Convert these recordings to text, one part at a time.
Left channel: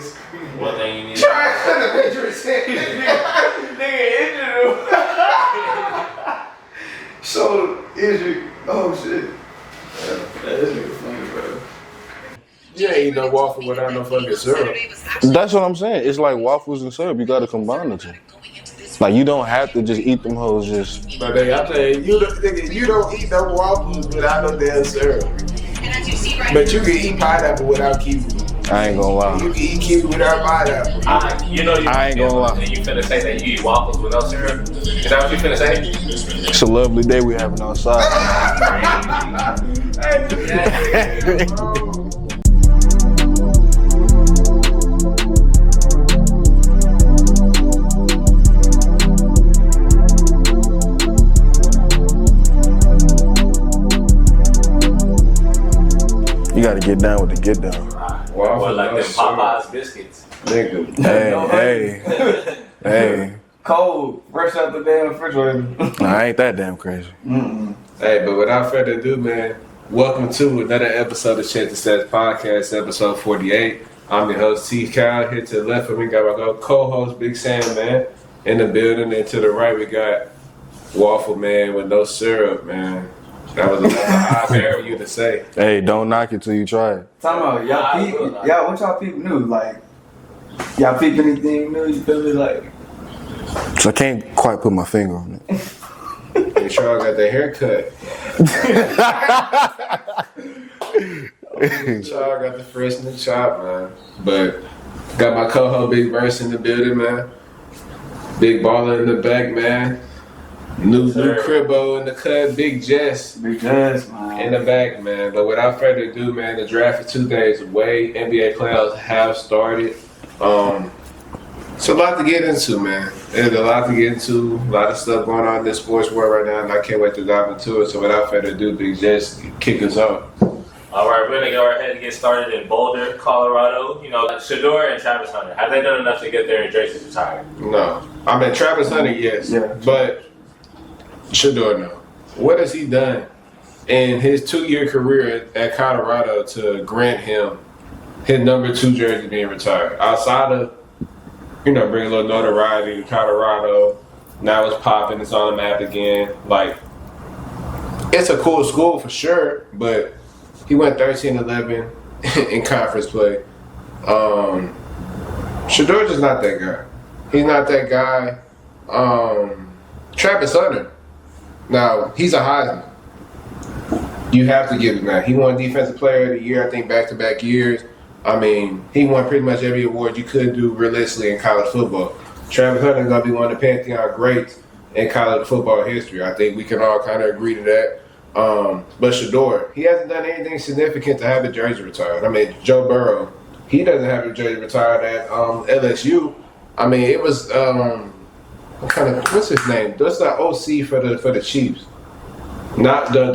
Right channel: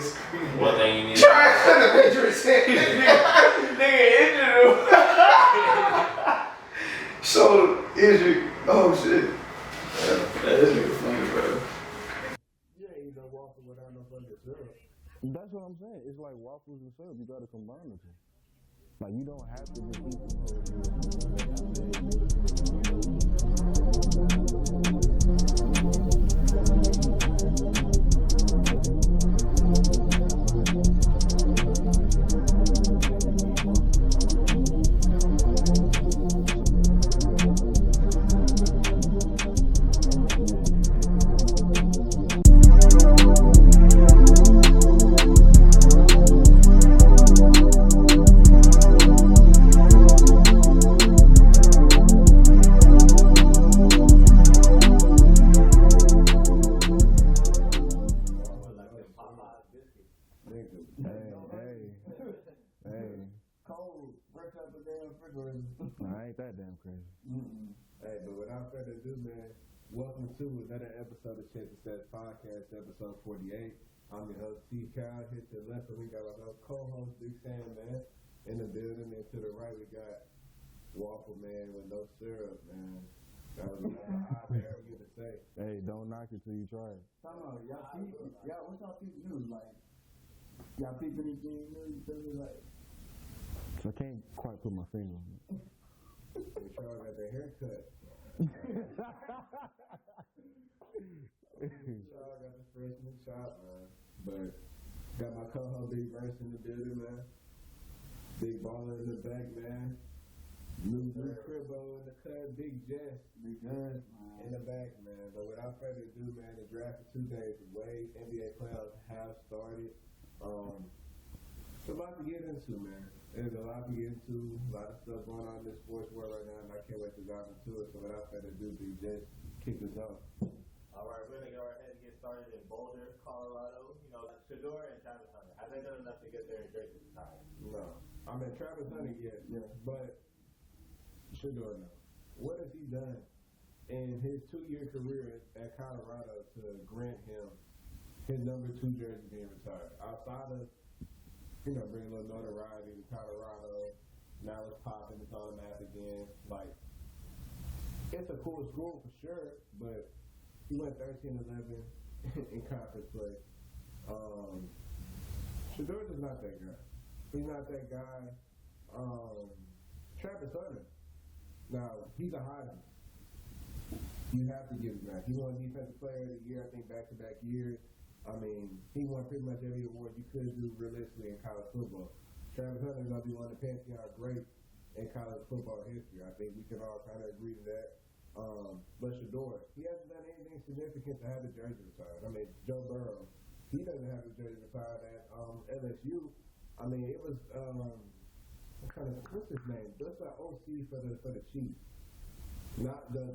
One thing you need. Trash in the Patriots. Nigga injured him. So injured. Oh shit. This nigga funny, bro. You ain't eat no waffle without no fucking syrup. That's what I'm saying. It's like waffles and syrup. You gotta combine the two. Like you don't have to just eat them hoes just. But nigga, I'm saying you don't eat no waffles without no damn syrup. But you can eat pineapple without kiwi. I ain't gonna lie. You can eat kiwi without pineapple. I ain't gonna lie. You finna say that you eat waffles with no syrup? Is that what you finna say? It's a lovely day we having outside. You gotta get down with the get down. Or like them Popeyes biscuits. Nigga. Hey. Cold, fresh out the damn refrigerator. Nah, I ain't that damn crazy. Hey, but without further ado, man, welcome to another episode of Shedeur Sanders Podcast, episode 48. I'm your host, T. Kyle. Here to the left of me, got my co-host, Big Sam, man, in the building. And to the right, we got Waffle Man with no syrup, man. That was another high for you to say. Hey, don't knock it till you try it. Talking about what y'all people knew? Like, y'all peep anything new? You feel me? Like, So I can't quite put my finger on it. Make sure I got the haircut. Make sure I got the fresh new chop, man. But got my co-host Big Versea in the building, man. Big baller in the back, man. New Cribbo in the cut, Big Jess. Big Jess, man. In the back, man. But without further ado, man, the draft is 2 days away. NBA playoffs have started. It's a lot to get into, man. There's a lot to get into. A lot of stuff going on in this sports world right now, and I can't wait to dive into it. So without further ado, Big Jess, kick us off. All right, we're gonna go ahead and get started in Boulder, Colorado. You know, Sheduer and Travis Hunter. Have they done enough to get there and Jessie retired? No. I mean, Travis Hunter, yes. Yeah. But Sheduer, no. What has he done in his 2-year career at Colorado to grant him his number 2 jersey being retired? Outside of, bring a little notoriety to Colorado. Now it's popping. It's on the map again. Like, it's a cool school for sure, but he went 13-11 in conference play. Sheduer just not that guy. He's not that guy. Travis Hunter. Now, he's a Heisman. You have to give him that. He won Defensive Player of the Year, I think, back-to-back years. I mean, he won pretty much every award you could do realistically in college football. Travis Hunter is going to be one of the Pantheon greats in college football history. I think we can all kind of agree to that. But Sheduer, he hasn't done anything significant to have a jersey retired. I mean, Joe Burrow, he doesn't have a jersey retired at LSU. I mean, it was, what's his name? That's the OC for the Chiefs. Not the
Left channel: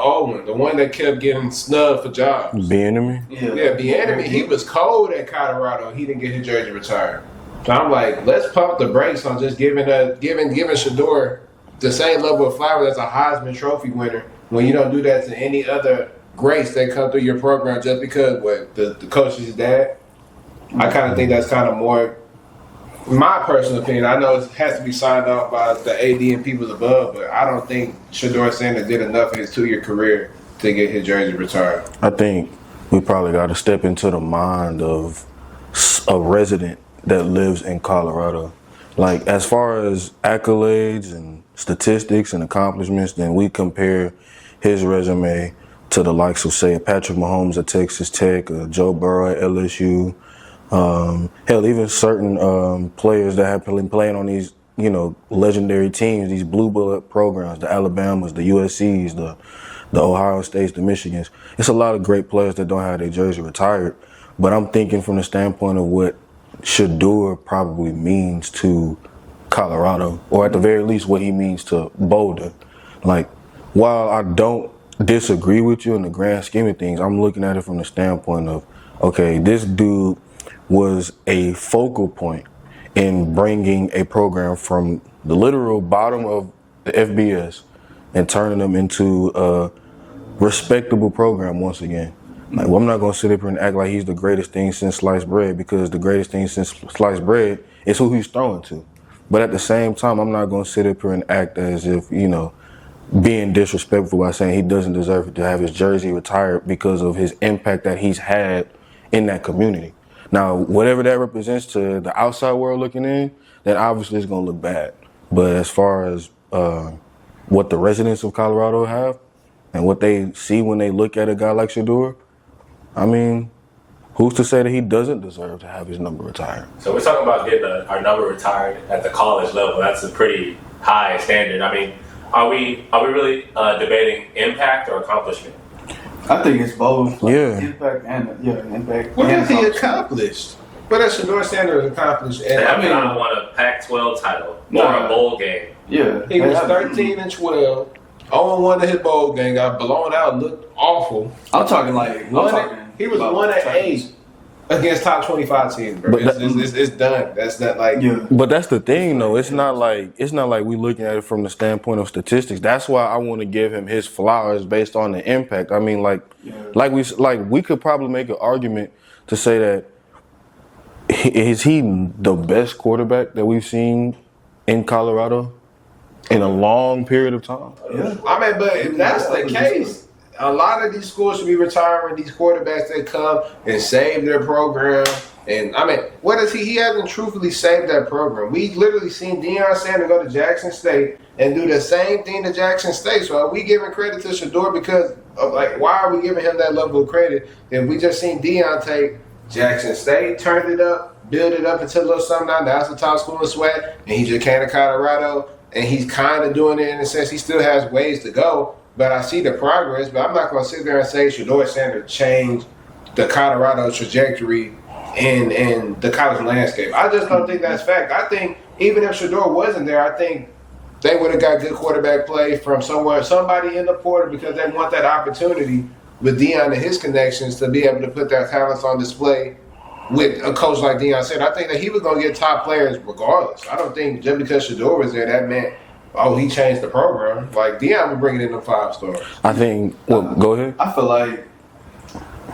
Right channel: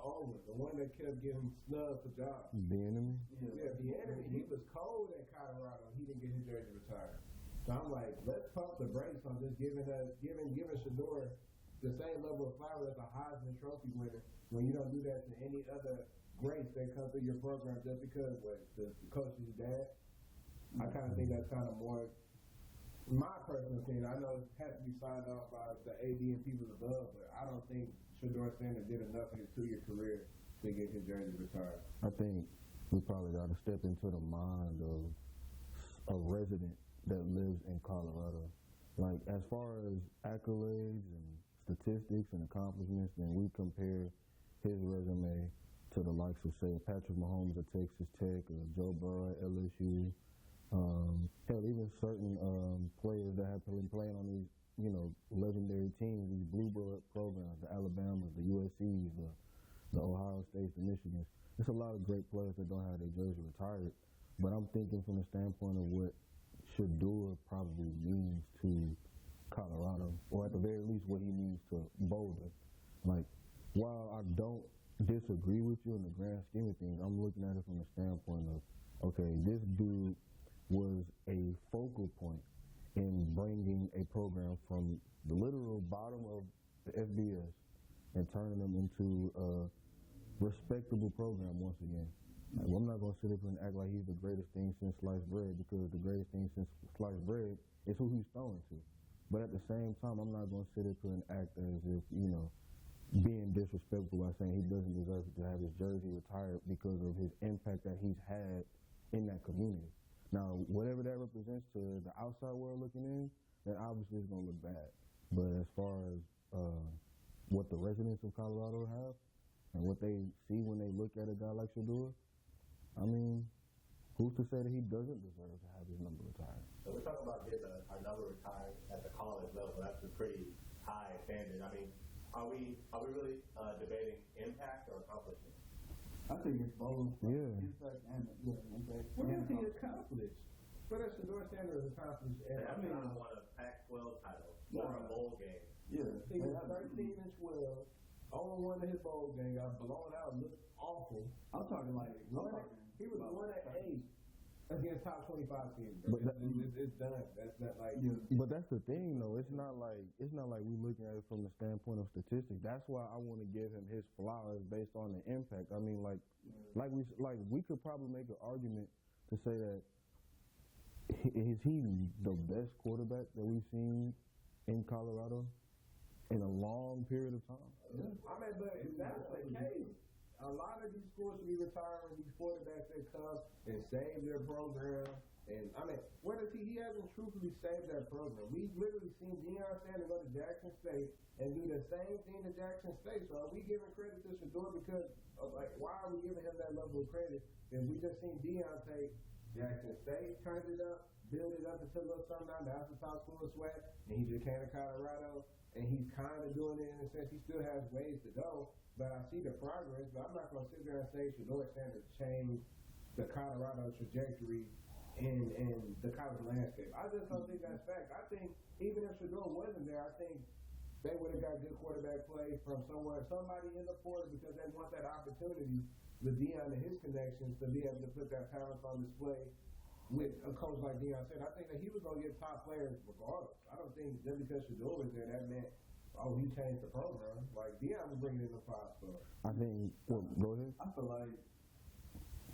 old one, the one that kept getting snubbed for jobs. Bieniemy? Yeah, Bieniemy. He was cold at Colorado. He didn't get his jersey retired. So I'm like, let's pump the brakes on just giving Sheduer the same level of flowers as a Heisman Trophy winner when you don't do that to any other greats that come through your program just because the coach's dad. I kind of think that's kind of more. My personal opinion, I know it has to be signed off by the AD and people above, but I don't think Shedeur Sanders did enough in his 2-year career to get his jersey retired. I think we probably got to step into the mind of a resident that lives in Colorado. Like, as far as accolades and statistics and accomplishments, then we compare his resume to the likes of, say, Patrick Mahomes at Texas Tech, Joe Burrow at LSU. Hell, even certain players that have been playing on these, legendary teams, these blue bullet programs, the Alabamas, the USCs, the Ohio States, the Michigans. It's a lot of great players that don't have their jersey retired. But I'm thinking from the standpoint of what Sheduer probably means to Colorado, or at the very least what he means to Boulder. Like, while I don't disagree with you in the grand scheme of things, I'm looking at it from the standpoint of, okay, this dude was a focal point in bringing a program from the literal bottom of the FBS and turning them into a respectable program once again. Like, well, I'm not gonna sit up here and act like he's the greatest thing since sliced bread because the greatest thing since sliced bread is who he's throwing to. But at the same time, I'm not gonna sit up here and act as if, being disrespectful by saying he doesn't deserve to have his jersey retired because of his impact that he's had in that community. Now, whatever that represents to the outside world looking in, then obviously it's gonna look bad. But as far as what the residents of Colorado have and what they see when they look at a guy like Sheduer, I mean, who's to say that he doesn't deserve to have his number retired? So we're talking about getting our number retired at the college level. That's a pretty high standard. I mean, are we really debating impact or accomplishment? I think it's both. Yeah. Impact and impact. What and has he accomplishment. accomplished? What has Shedeur Sanders accomplished? And They haven't won a Pac-12 title or a bowl game. Yeah. he was They haven't. 13-12. 0-1 in his bowl game, got blown out, looked awful. I'm talking like He was 1-8 against top 25 teams, bro. But It's done. That's not like But that's the thing, though. It's not like we looking at it from the standpoint of statistics. That's why I want to give him his flowers based on the impact. I mean, we could probably make an argument to say that is he the best quarterback that we've seen in Colorado in a long period of time? Yeah. I mean, but if that's the case, a lot of these schools should be retiring these quarterbacks that come and save their program. And I mean, what is he? He hasn't truthfully saved that program. We literally seen Deion Sanders go to Jackson State and do the same thing to Jackson State. So are we giving credit to Sheduer because of why are we giving him that level of credit? If we just seen Deion take Jackson State, turned it up, build it up until a little something now. That's the top school in sweat, and he just came to Colorado, and he's kind of doing it in a sense. He still has ways to go, but I see the progress. But I'm not going to sit there and say Shedeur Sanders changed the Colorado trajectory in the college landscape. I just don't think that's fact. I think even if Sheduer wasn't there, I think they would have got good quarterback play from somebody in the portal because they want that opportunity with Deion and his connections to be able to put their talents on display with a coach like Deion said. I think that he was going to get top players regardless. I don't think just because Sheduer was there, that meant, he changed the program. Like, Deion was bringing in them 5 stars. I think, go ahead. I feel like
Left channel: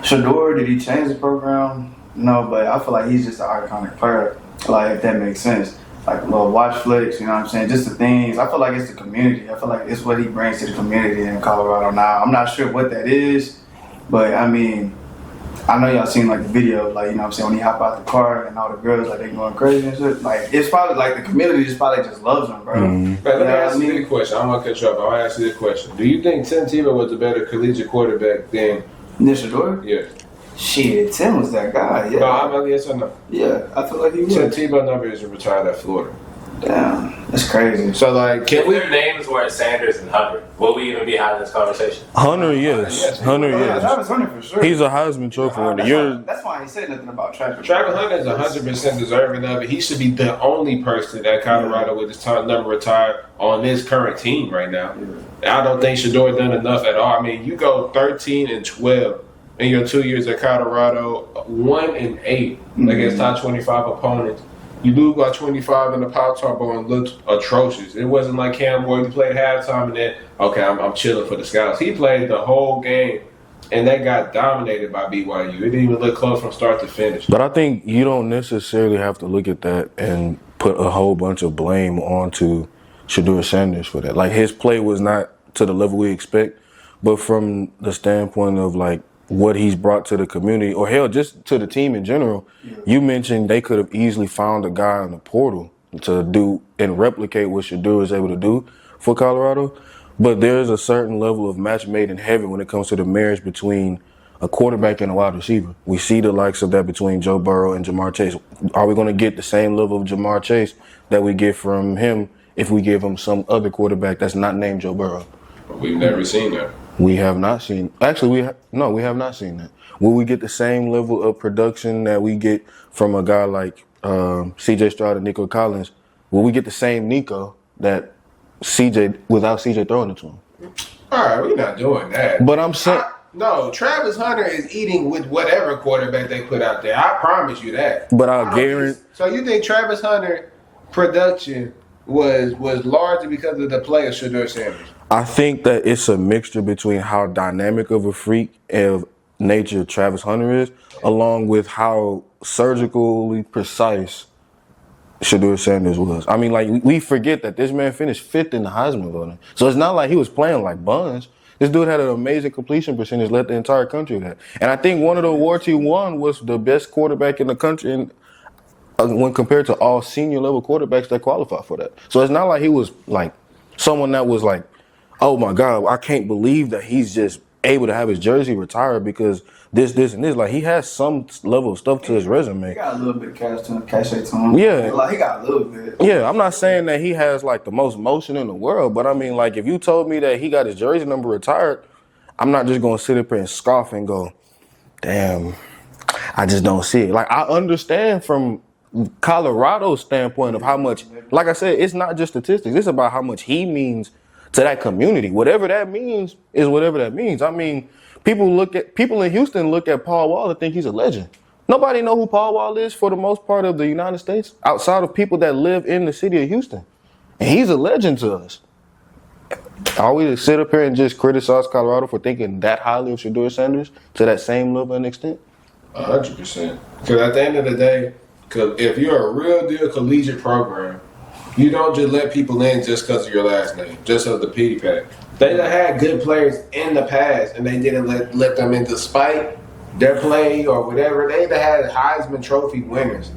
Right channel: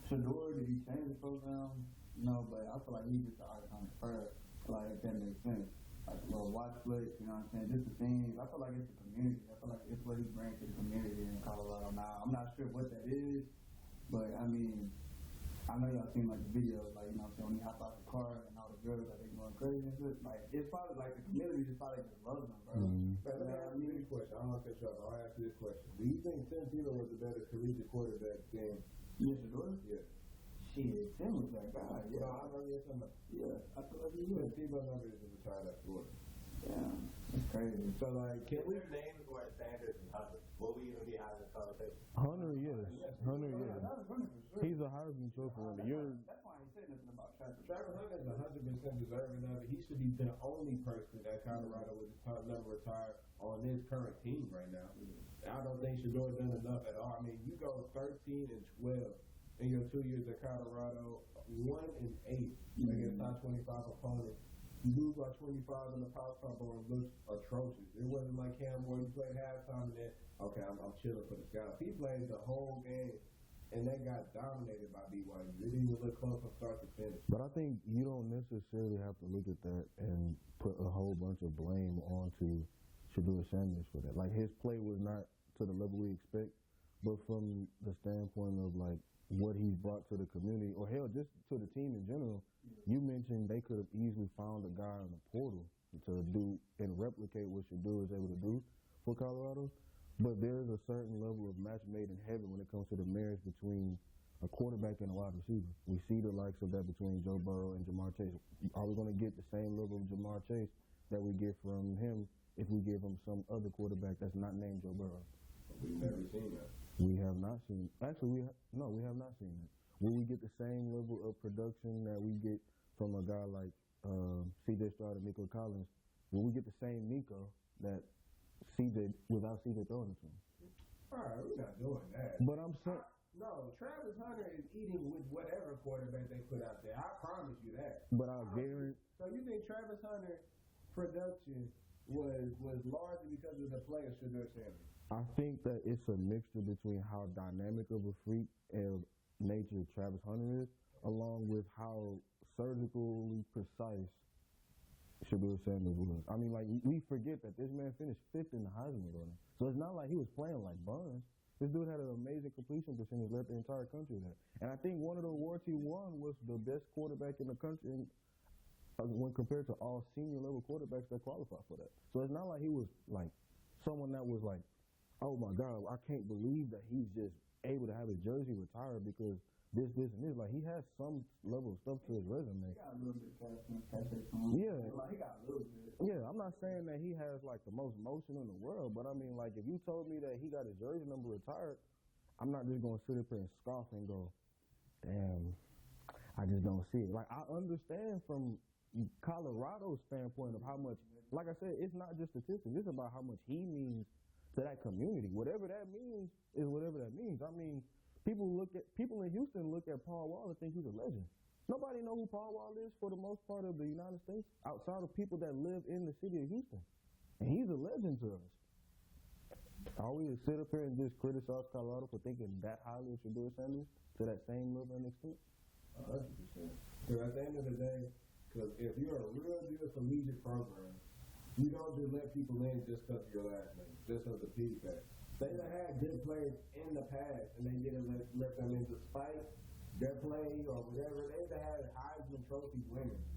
Sheduer, did he change the program? No, but I feel like he's just an iconic player. Like, if that makes sense. Like, watch flicks, you know what I'm saying? Just the things. I feel like it's the community. I feel like it's what he brings to the community in Colorado now. I'm not sure what that is, but I mean, I know y'all seen like the video, like, you know what I'm saying, when he hop out the car and all the girls, like, they going crazy and shit. Like, it's probably like the community just probably just loves him, bro. Mm-hmm. Let me ask you this question. I'm going to cut you off. I want to ask you this question. Do you think Tim Tebow was a better collegiate quarterback than Sheduer? Yeah. Shit, Tim was that guy, yeah. No, I'm not yes or no. Yeah, I feel like he was. Tim Tebow number is retired at Florida. Damn, that's crazy. So, like, If their names were Sanders and Hubbard, will we even be having this conversation? Hunter, yes. Hunter, yes. Travis Hunter for sure. He's a Heisman Trophy winner. That's why I ain't said nothing about Travis. Travis Hunter is 100% deserving of it. He should be the only person at Colorado with his time number retired on this current team right now. I don't think Sheduer done enough at all. I mean, you go 13-12 in your 2 years at Colorado, 1-8 against top 25 opponents. You lose by 25 in the Power Bowl and looked atrocious. It wasn't like Cam Boyd, who played halftime and then, okay, I'm chilling for the Scouts. He played the whole game, and they got dominated by BYU. It didn't even look close from start to finish. But I think you don't necessarily have to look at that and put a whole bunch of blame onto Shedeur Sanders for that. Like, his play was not to the level we expect, but from the standpoint of, like, what he's brought to the community, or hell, just to the team in general. You mentioned they could have easily found a guy in the portal to do and replicate what Sheduer is able to do for Colorado. But there's a certain level of match made in heaven when it comes to the marriage between a quarterback and a wide receiver. We see the likes of that between Joe Burrow and Jamar Chase. Are we going to get the same level of Jamar Chase that we get from him if we give him some other quarterback that's not named Joe Burrow? We've never seen that. We have not seen. Actually, we have not seen that. Will we get the same level of production that we get from a guy like C.J. Stroud and Nico Collins? Will we get the same Nico that C.J. without C.J. throwing it to him? All right, we're not doing that. But I'm saying. No, Travis Hunter is eating with whatever quarterback they put out there. I promise you that. But I guarantee. So you think Travis Hunter production was largely because of the play of Shedeur Sanders? I think that it's a mixture between how dynamic of a freak and nature Travis Hunter is, along with how surgically precise Shedeur Sanders was. I mean, like, we forget that this man finished 5th in the Heisman voting. So it's not like he was playing like buns. This dude had an amazing completion percentage, led the entire country that. And I think one of the awards he won was the best quarterback in the country when compared to all senior level quarterbacks that qualify for that. So it's not like he was like someone that was like, oh my God, I can't believe that he's just able to have his jersey retired because this, and this. Like, he has some level of stuff to his resume. He got a little bit of cachet to him. Yeah. Like, he got a little bit. Yeah, I'm not saying that he has, like, the most motion in the world, but I mean, like, if you told me that he got his jersey number retired, I'm not just going to sit up here and scoff and go, damn, I just don't see it. Like, I understand from Colorado's standpoint of how much, like I said, it's not just statistics. It's about how much he means to that community. Whatever that means is whatever that means. I mean, people in Houston look at Paul Wall and think he's a legend. Nobody know who Paul Wall is for the most part of the United States outside of people that live in the city of Houston. And he's a legend to us. Are we to sit up here and just criticize Colorado for thinking that highly of Shedeur Sanders to that same level and extent? 100%. Because at the end of the day, if you're a real deal collegiate program, you don't just let people in just because of your last name, just as the pity pack. They done had good players in the past, and they didn't let them in despite their play or whatever. They done had Heisman Trophy winners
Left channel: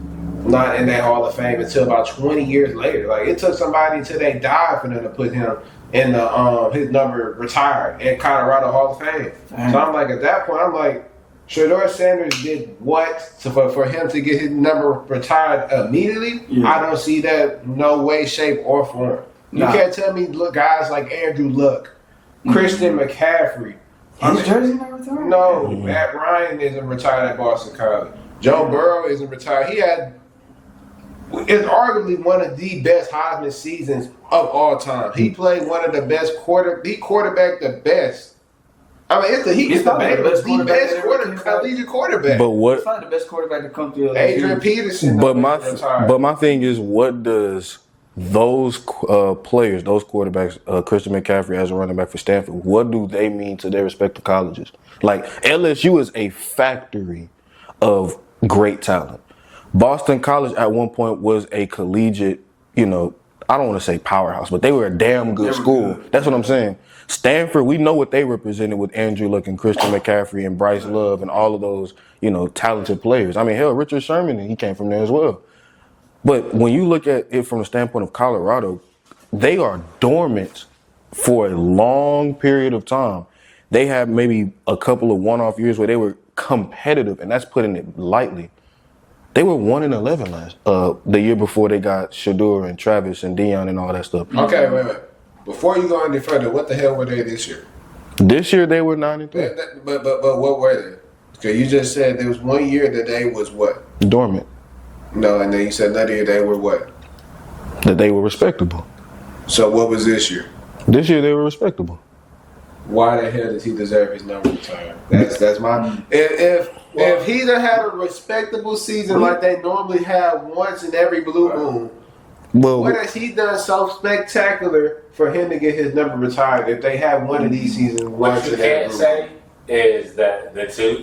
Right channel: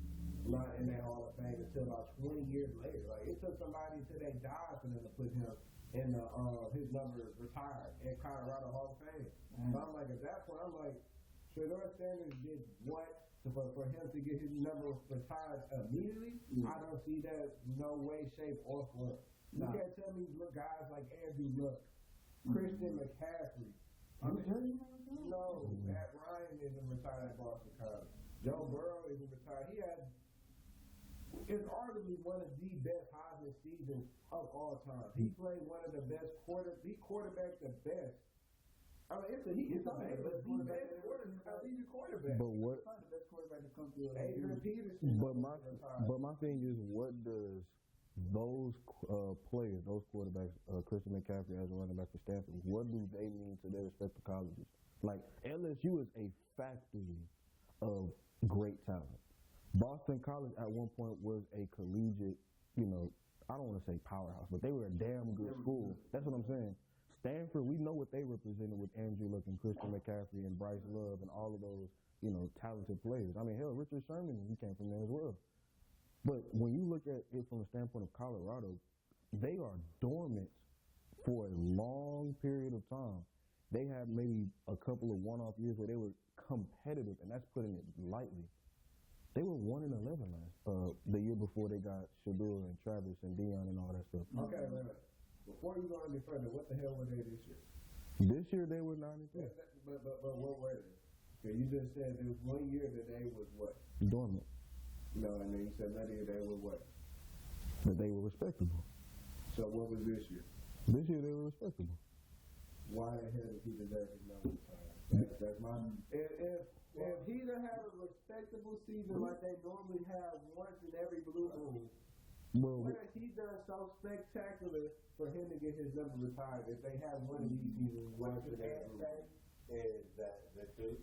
not in that Hall of Fame until about 20 years later. Like, it took somebody until they died for them to put him in the his number retired in Colorado Hall of Fame. Dang. So I'm like, at that point, I'm like, Shedeur Sanders did what for him to get his number retired immediately? Yeah. I don't see that no way, shape, or form. You Nah. can't tell me look guys like Andrew Luck, Christian McCaffrey. His jersey not retired? No, Matt Ryan isn't retired at Boston College. Joe Burrow isn't retired. It's arguably one of the best Heisman seasons of all time. He played one of the best he quarterbacked the best. I mean, he's the best collegiate quarterback. But what? He's probably the best quarterback to come through. Adrian Peterson. But my thing is, what does those players, those quarterbacks, Christian McCaffrey as a running back for Stanford, what do they mean to their respective colleges? Like, LSU is a factory of great talent. Boston College at one point was a collegiate, I don't want to say powerhouse, but they were a damn good school. That's what I'm saying. Stanford, we know what they represented with Andrew Luck and Christian McCaffrey and Bryce Love and all of those, talented players. I mean, hell, Richard Sherman, he came from there as well. But when you look at it from the standpoint of Colorado, they are dormant for a long period of time. They have maybe a couple of one-off years where they were competitive, and that's putting it lightly. They were 1-11 the year before they got Sheduer and Travis and Dion and all that stuff. Okay, wait. Before you go any further, what the hell were they this year? This year they were 9-3. But what were they? Okay, you just said there was 1 year that they was what? Dormant. No, and then you said another year they were what? That they were respectable. So what was this year? This year they were respectable. Why the hell does he deserve his number retired? That's my. If he done had a respectable season like they normally have once in every blue moon, what has he done so spectacular for him to get his number retired? If they have one of these seasons once What you in every can't blue say is that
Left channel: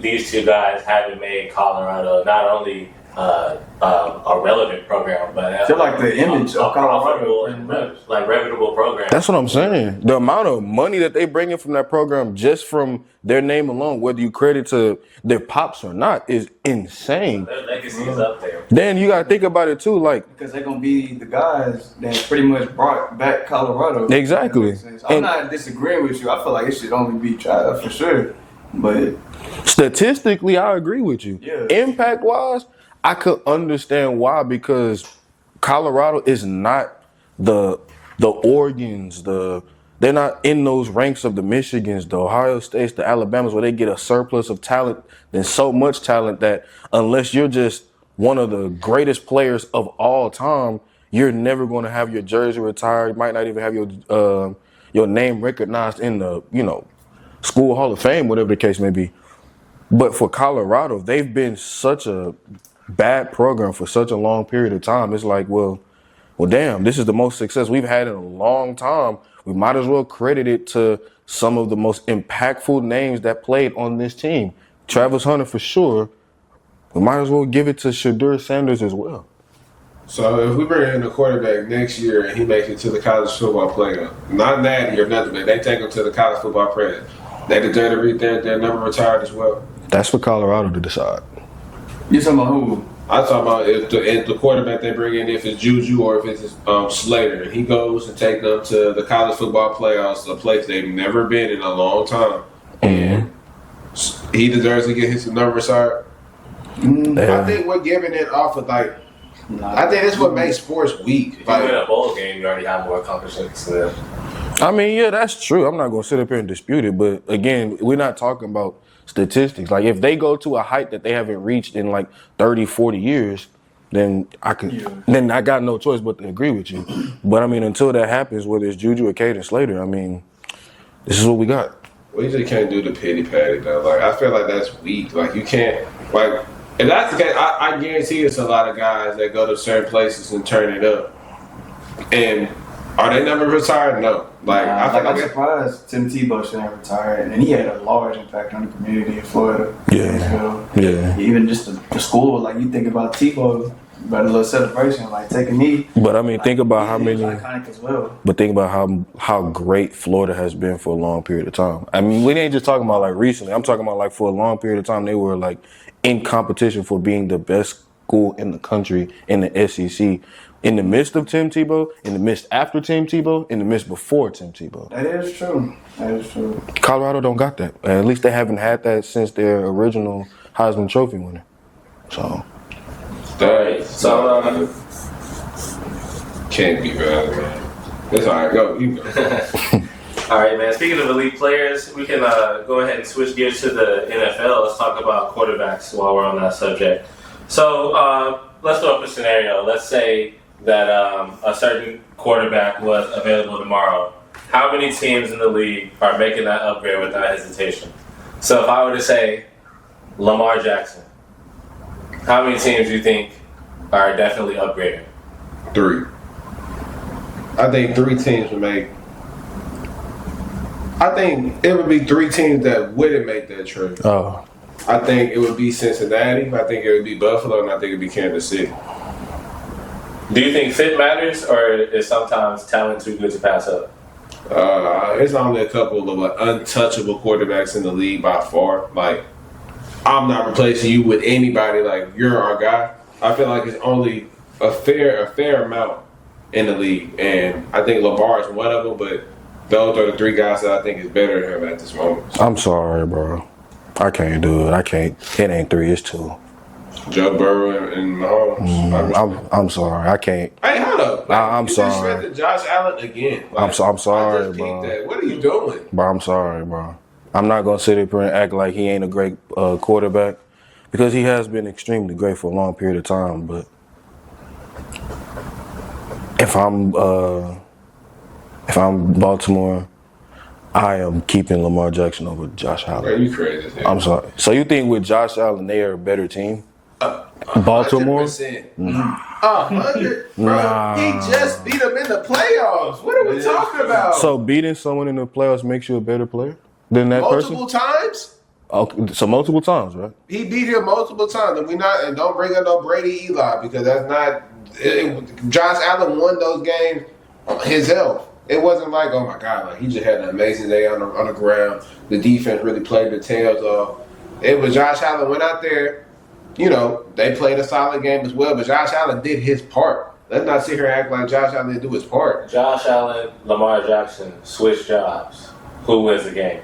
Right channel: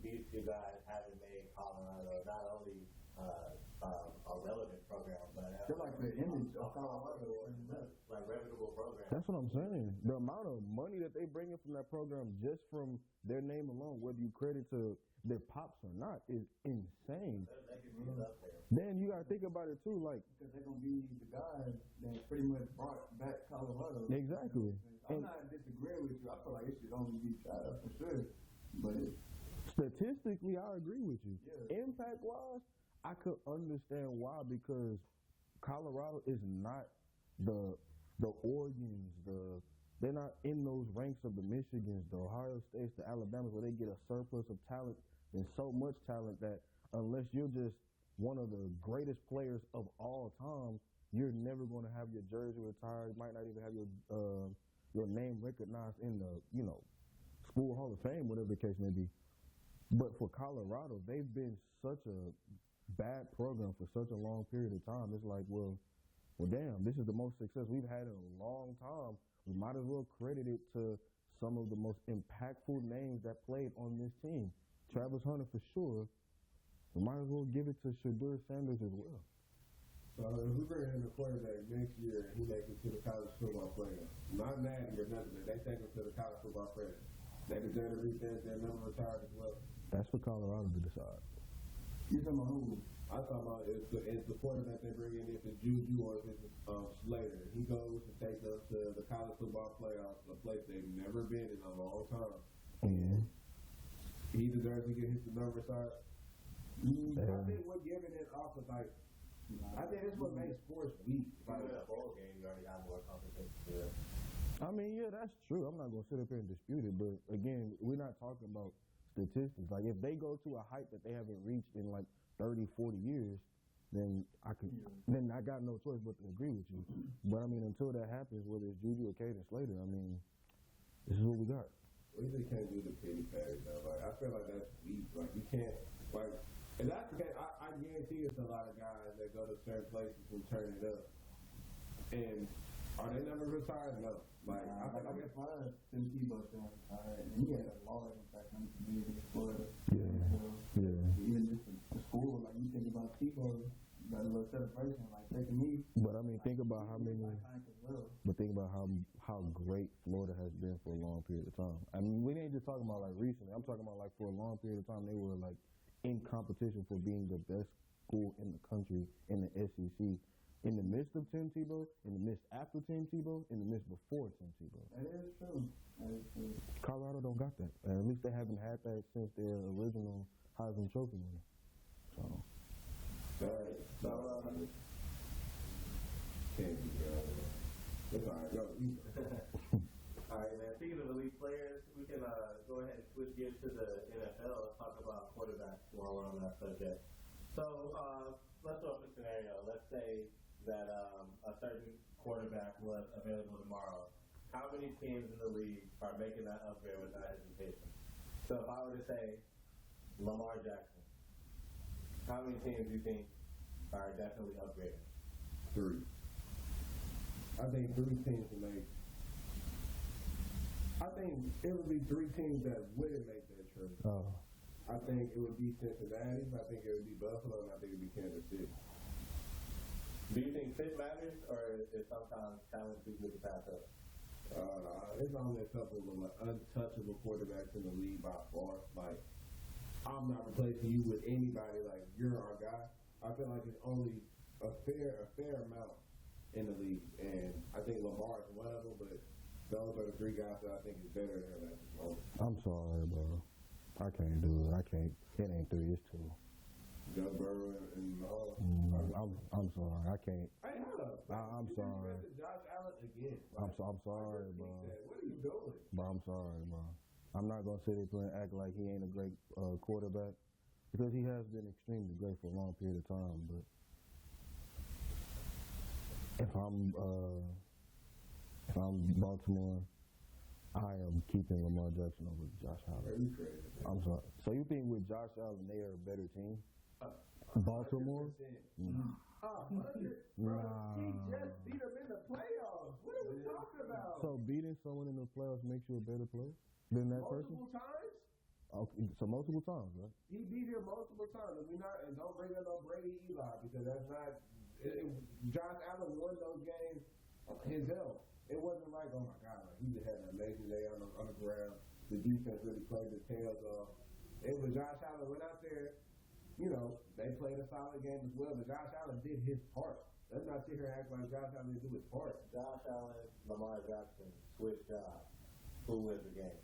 these two guys haven't made Colorado not only a relevant program, but They're like the image of Colorado. Like reputable program. That's what I'm saying. The amount of money that they bring in from that program just from their name alone, whether you credit to their pops or not, is insane. Their legacy is up there. Then you gotta think about it too, like Because they're gonna be the guys that pretty much brought back Colorado. Exactly. I'm not disagreeing with you. I feel like it should only be Travis for sure. But statistically, I agree with you. Yeah. Impact wise, I could understand why, because Colorado is not the Oregons, they're not in those ranks of the Michigans, the Ohio States, the Alabamas, where they get a surplus of talent and so much talent that unless you're just one of the greatest players of all time, you're never going to have your jersey retired. You might not even have your name recognized in the School Hall of Fame, whatever the case may be. But for Colorado, they've been such a bad program for such a long period of time. It's like, well, damn, this is the most success we've had in a long time. We might as well credit it to some of the most impactful names that played on this team. Travis Hunter for sure. We might as well give it to Shedeur Sanders as well. So if we bring in a quarterback next year and he makes it to the college football playoff, not natty or nothing, but they take him to the college football playoff, they deserve to read their number retired as well. That's for Colorado to decide. You talking about who? I'm talking about if the quarterback they bring in, if it's Juju or if it's Slater, he goes and take them to the college football playoffs, a place they've never been in a long time, and he deserves to get his number retired. I think we're giving it off of like. I think that's what makes sports weak. If you win a bowl game, you already have more accomplishments than them. I mean, yeah, that's true. I'm not going to sit up here and dispute it. But again, we're not talking about statistics. Like, if they go to a height that they haven't reached in like 30, 40 years, then then I got no choice but to agree with you. But I mean, until that happens, whether it's Juju or Caden Slater, I mean, this is what we got. We just can't do the pity patty though. Like, I feel like that's weak. Like, you can't like. If that's the case, I guarantee it's a lot of guys that go to certain places and turn it up. And are they never retired? No. Like, I feel I'm surprised Tim Tebow shouldn't have retired, and he had a large impact on the community in Florida. Yeah. Even just the school, like you think about Tebow, about a little celebration, like take a knee. But I mean, think about how many. Iconic as well. But think about how great Florida has been for a long period of time. I mean, we ain't just talking about like recently. I'm talking about like for a long period of time, they were like in competition for being the best school in the country in the SEC. In the midst of Tim Tebow, in the midst after Tim Tebow, in the midst before Tim Tebow. That is true. Colorado don't got that. At least they haven't had that since their original Heisman Trophy winner. So. Alright, so Can't be bad, man. It's all right. Go. You go. all right, man. Speaking of elite players, we can go ahead and switch gears to the NFL. Let's talk about quarterbacks while we're on that subject. So let's throw up a scenario. Let's say that a certain quarterback was available tomorrow. How many teams in the league are making that upgrade without hesitation? So if I were to say Lamar Jackson, how many teams do you think are definitely upgrading? 3. I think 3 teams would make. I think it would be 3 teams that wouldn't make that trade. Oh. I think it would be Cincinnati. I think it would be Buffalo, and I think it would be Kansas City. Do you think fit matters, or is sometimes talent too good to pass up? It's only a couple of untouchable quarterbacks in the league by far. Like, I'm not replacing you with anybody. Like, you're our guy. I feel like it's only a fair amount in the league, and I think Lamar is one of them. But those are the 3 guys that I think is better than him at this moment. I'm sorry, bro. I can't do it. I can't. It ain't 3. It's 2. Joe Burrow and Mahomes. I'm sorry. I can't. Hey, hold up. I'm you sorry. Just Josh Allen again. Like, I'm sorry, I just bro. that. What are you doing? Bro, I'm sorry, bro. I'm not going to sit here and act like he ain't a great quarterback because he has been extremely great for a long period of time. But if I'm Baltimore, I am keeping Lamar Jackson over Josh Allen. Bro, you crazy. I'm sorry. So you think with Josh Allen, they are a better team? Baltimore? 100%. 100. Bro, he just beat them in the playoffs. What are we talking about? So beating someone in the playoffs makes you a better player than that multiple person? times? Okay, so multiple times, right? He beat him multiple times, and don't bring up no Brady Eli because that's not. Josh Allen won those games himself. It wasn't like, oh my God, like he just had an amazing day on the ground. The defense really played the tails off. It was Josh Allen went out there. You know, they played a solid game as well, but Josh Allen did his part. Let's not sit here and act like Josh Allen didn't do his part. Josh Allen, Lamar Jackson, switch jobs. Who wins the game?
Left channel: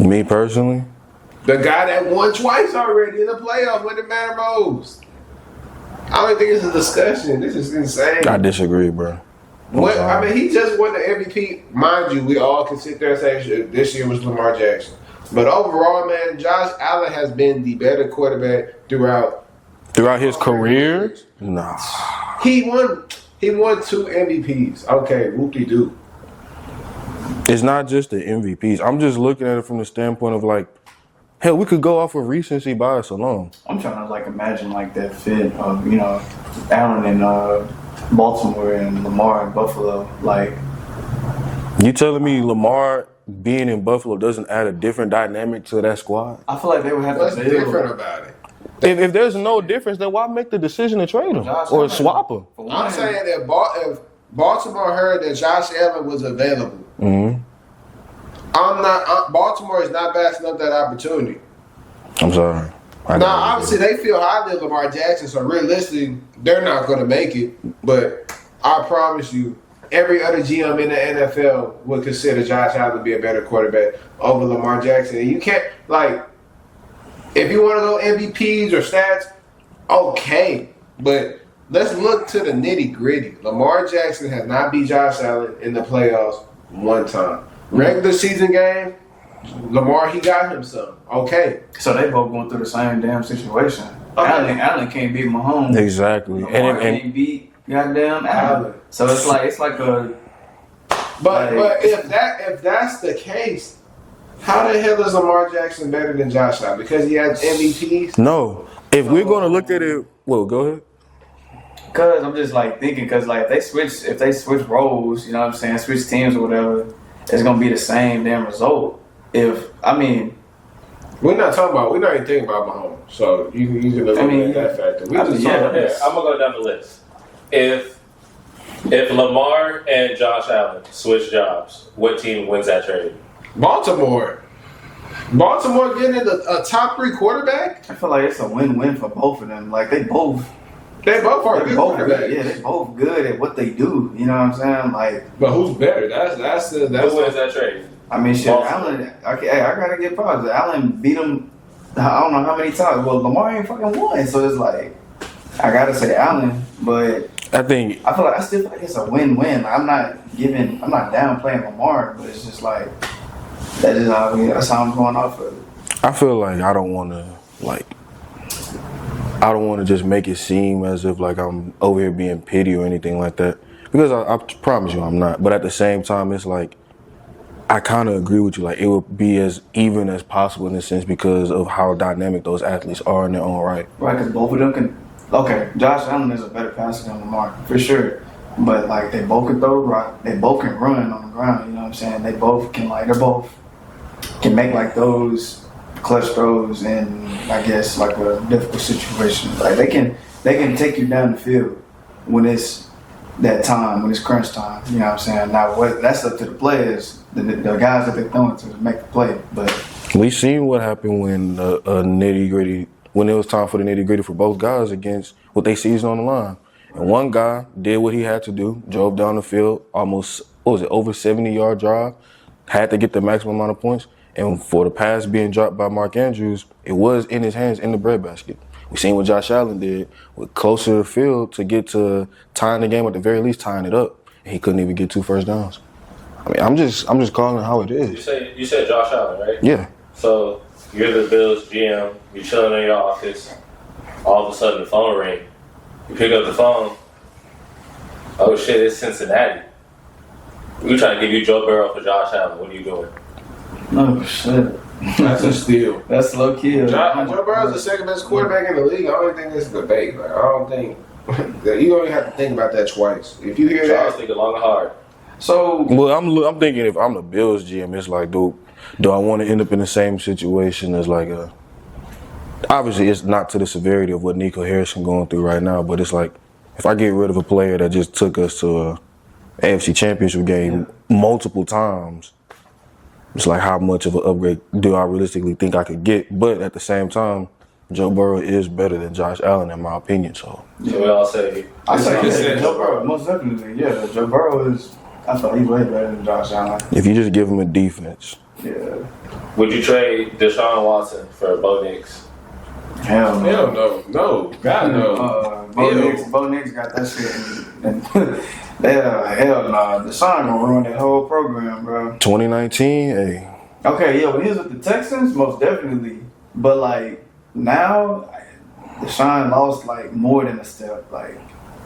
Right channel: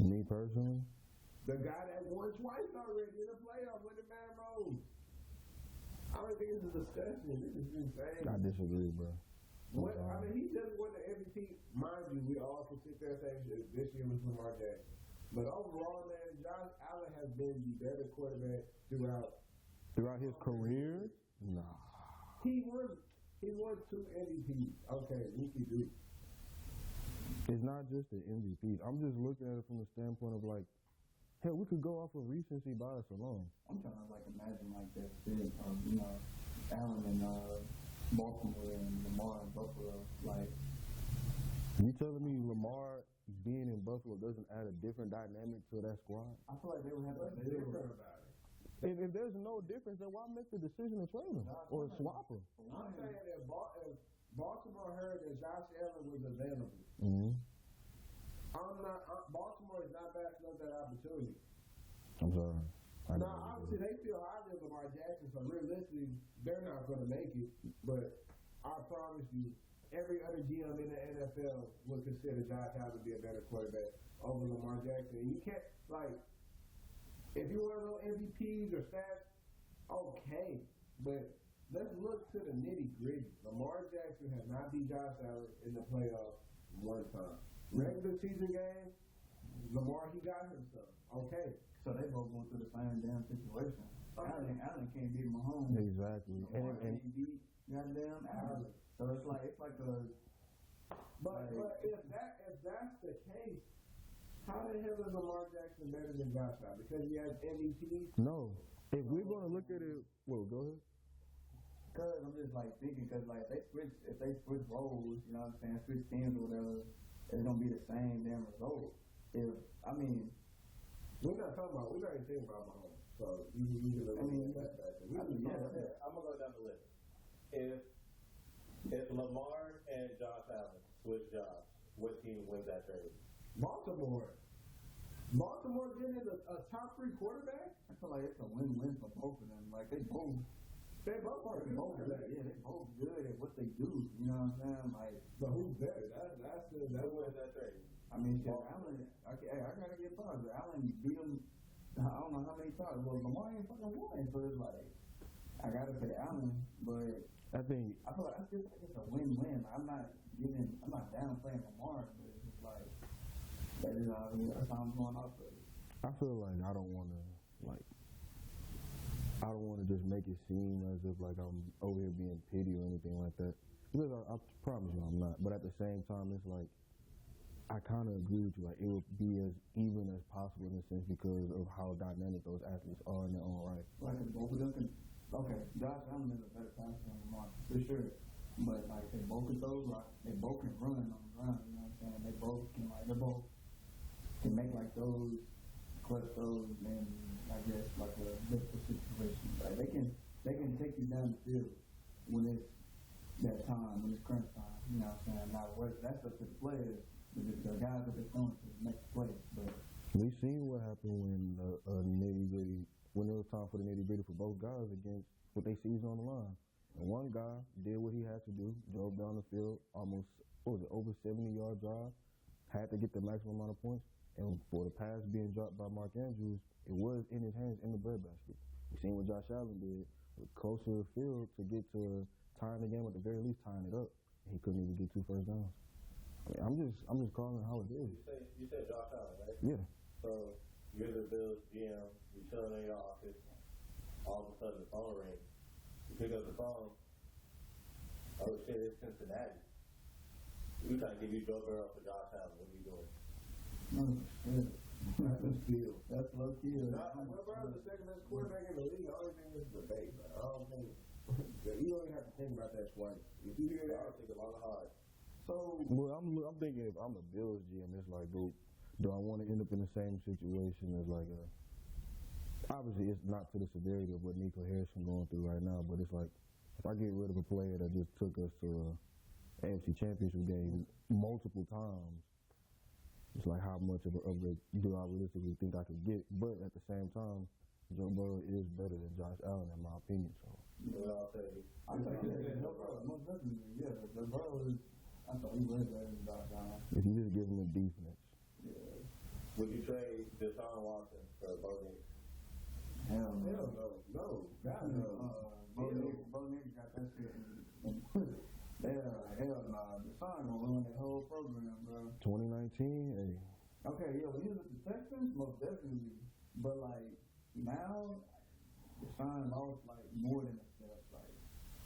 Me personally? The guy that won twice already in the playoffs when it mattered most. I don't think it's a discussion. This is insane. I disagree, bro. What, I mean, he just won the MVP. Mind you, we all can sit there and say this year was Lamar Jackson. But overall, man, Josh Allen has been the better quarterback throughout his career? Nah. He won 2 MVPs. Okay, whoop-de-doo. It's not just the MVPs. I'm just looking at it from the standpoint of like, hell, we could go off of recency bias alone. I'm trying to like imagine like that fit of, you know, Allen in Baltimore and Lamar in Buffalo. Like, You telling me Lamar being in Buffalo doesn't add a different dynamic to that squad? I feel like they would have What's to build. different about it? If there's no difference, then why make the decision to trade him Josh or Allen. swap him? For I'm one, saying that if Baltimore heard that Josh Allen was available, Mm-hmm. Baltimore is not passing up that opportunity. I'm sorry. Now, obviously, they feel highly of Lamar Jackson, so realistically, they're not going to make it. But I promise you, every other GM in the NFL would consider Josh Allen to be a better quarterback over Lamar Jackson. And you can't, like, if you want to go MVPs or stats, okay. But let's look to the nitty gritty. Lamar Jackson has not beat Josh Allen in the playoffs one time. Regular season game, Lamar, he got him some. Okay. so they both going through the same damn situation. Allen can't beat Mahomes. Exactly. Lamar can't beat goddamn Allen. So it's like a. But if that's the case, how the hell is Lamar Jackson better than Josh Allen? Because he has MVPs? No. If we're going to look at it, well, go ahead. Cause I'm just like thinking, cause like if they switch roles, you know what I'm saying, switch teams or whatever, it's gonna be the same damn result. We're not even thinking about Mahomes, so you can look at that factor. Here, I'm gonna go down the list. If Lamar and Josh Allen switch jobs, what team wins that trade? Baltimore getting a top 3 quarterback? I feel like it's a win-win for both of them. Like they both are good quarterbacks. Yeah, they both good at what they do. You know what I'm saying? Like, But who's better? That's Who wins that trade? I mean, shit, Allen. Okay, I gotta get props. Allen beat him. I don't know how many times. Well, Lamar ain't fucking won, so it's like I gotta say Allen. But I still feel like it's a win-win. I'm not downplaying Lamar, but it's just like that's how I'm going off of it. I feel like I don't want to just make it seem as if like I'm over here being petty or anything like that, because I promise you I'm not. But at the same time, it's like I kind of agree with you. Like it would be as even as possible in a sense because of how dynamic those athletes are in their own right. Right, because both of them can. Okay, Josh Allen is a better passer than Lamar for sure, but like they both can throw the rock, they both can run on the ground. You know what I'm saying? They both can make like those clutch throws in, I guess, like a difficult situation. Like they can take you down the field when it's that time, when it's crunch time. You know what I'm saying? Now that's up to the players, the guys that they're throwing to make the play. But we seen what happened when when it was time for the nitty gritty for both guys against what they season on the line. And one guy did what he had to do, drove down the field, almost over 70-yard drive, had to get the maximum amount of points. And for the pass being dropped by Mark Andrews, it was in his hands in the breadbasket. We seen what Josh Allen did with closer to the field to get to tying the game, at the very least tying it up, and he couldn't even get 2 first downs. I mean, I'm just calling it how it is. You said Josh Allen, right? Yeah. So you're the Bills GM. You're chilling in your office. All of a sudden, the phone rings. You pick up the phone. Oh shit! It's Cincinnati. We're trying to give you Joe Burrow for Josh Allen. What are you doing? oh shit, That's a steal. that's low key. Joe Burrow's the second best quarterback in the league. I don't think this is a debate. Like, I don't think you don't even have to think about that twice. If you hear Charles that, thinking long and hard. So Well, I'm thinking if I'm the Bills GM, it's like, do I want to end up in the same situation as like obviously it's not to the severity of what Nico Harrison going through right now, but it's like if I get rid of a player that just took us to a AFC Championship game multiple times, it's like how much of an upgrade do I realistically think I could get? But at the same time, Joe Burrow is better than Josh Allen in my opinion. So we all say Joe Burrow, most definitely, yeah. Joe Burrow is. I thought he's way better than Josh Allen. if you just give him a defense, Yeah. Would you trade Deshaun Watson for Bo Nix? Hell no. hell no, God no. Bo Nix got that shit. Hell no. Deshaun gonna ruin that whole program, bro. 2019, hey. Okay, yeah, when he was with the Texans, most definitely. But like now, Deshaun lost like more than a step. Like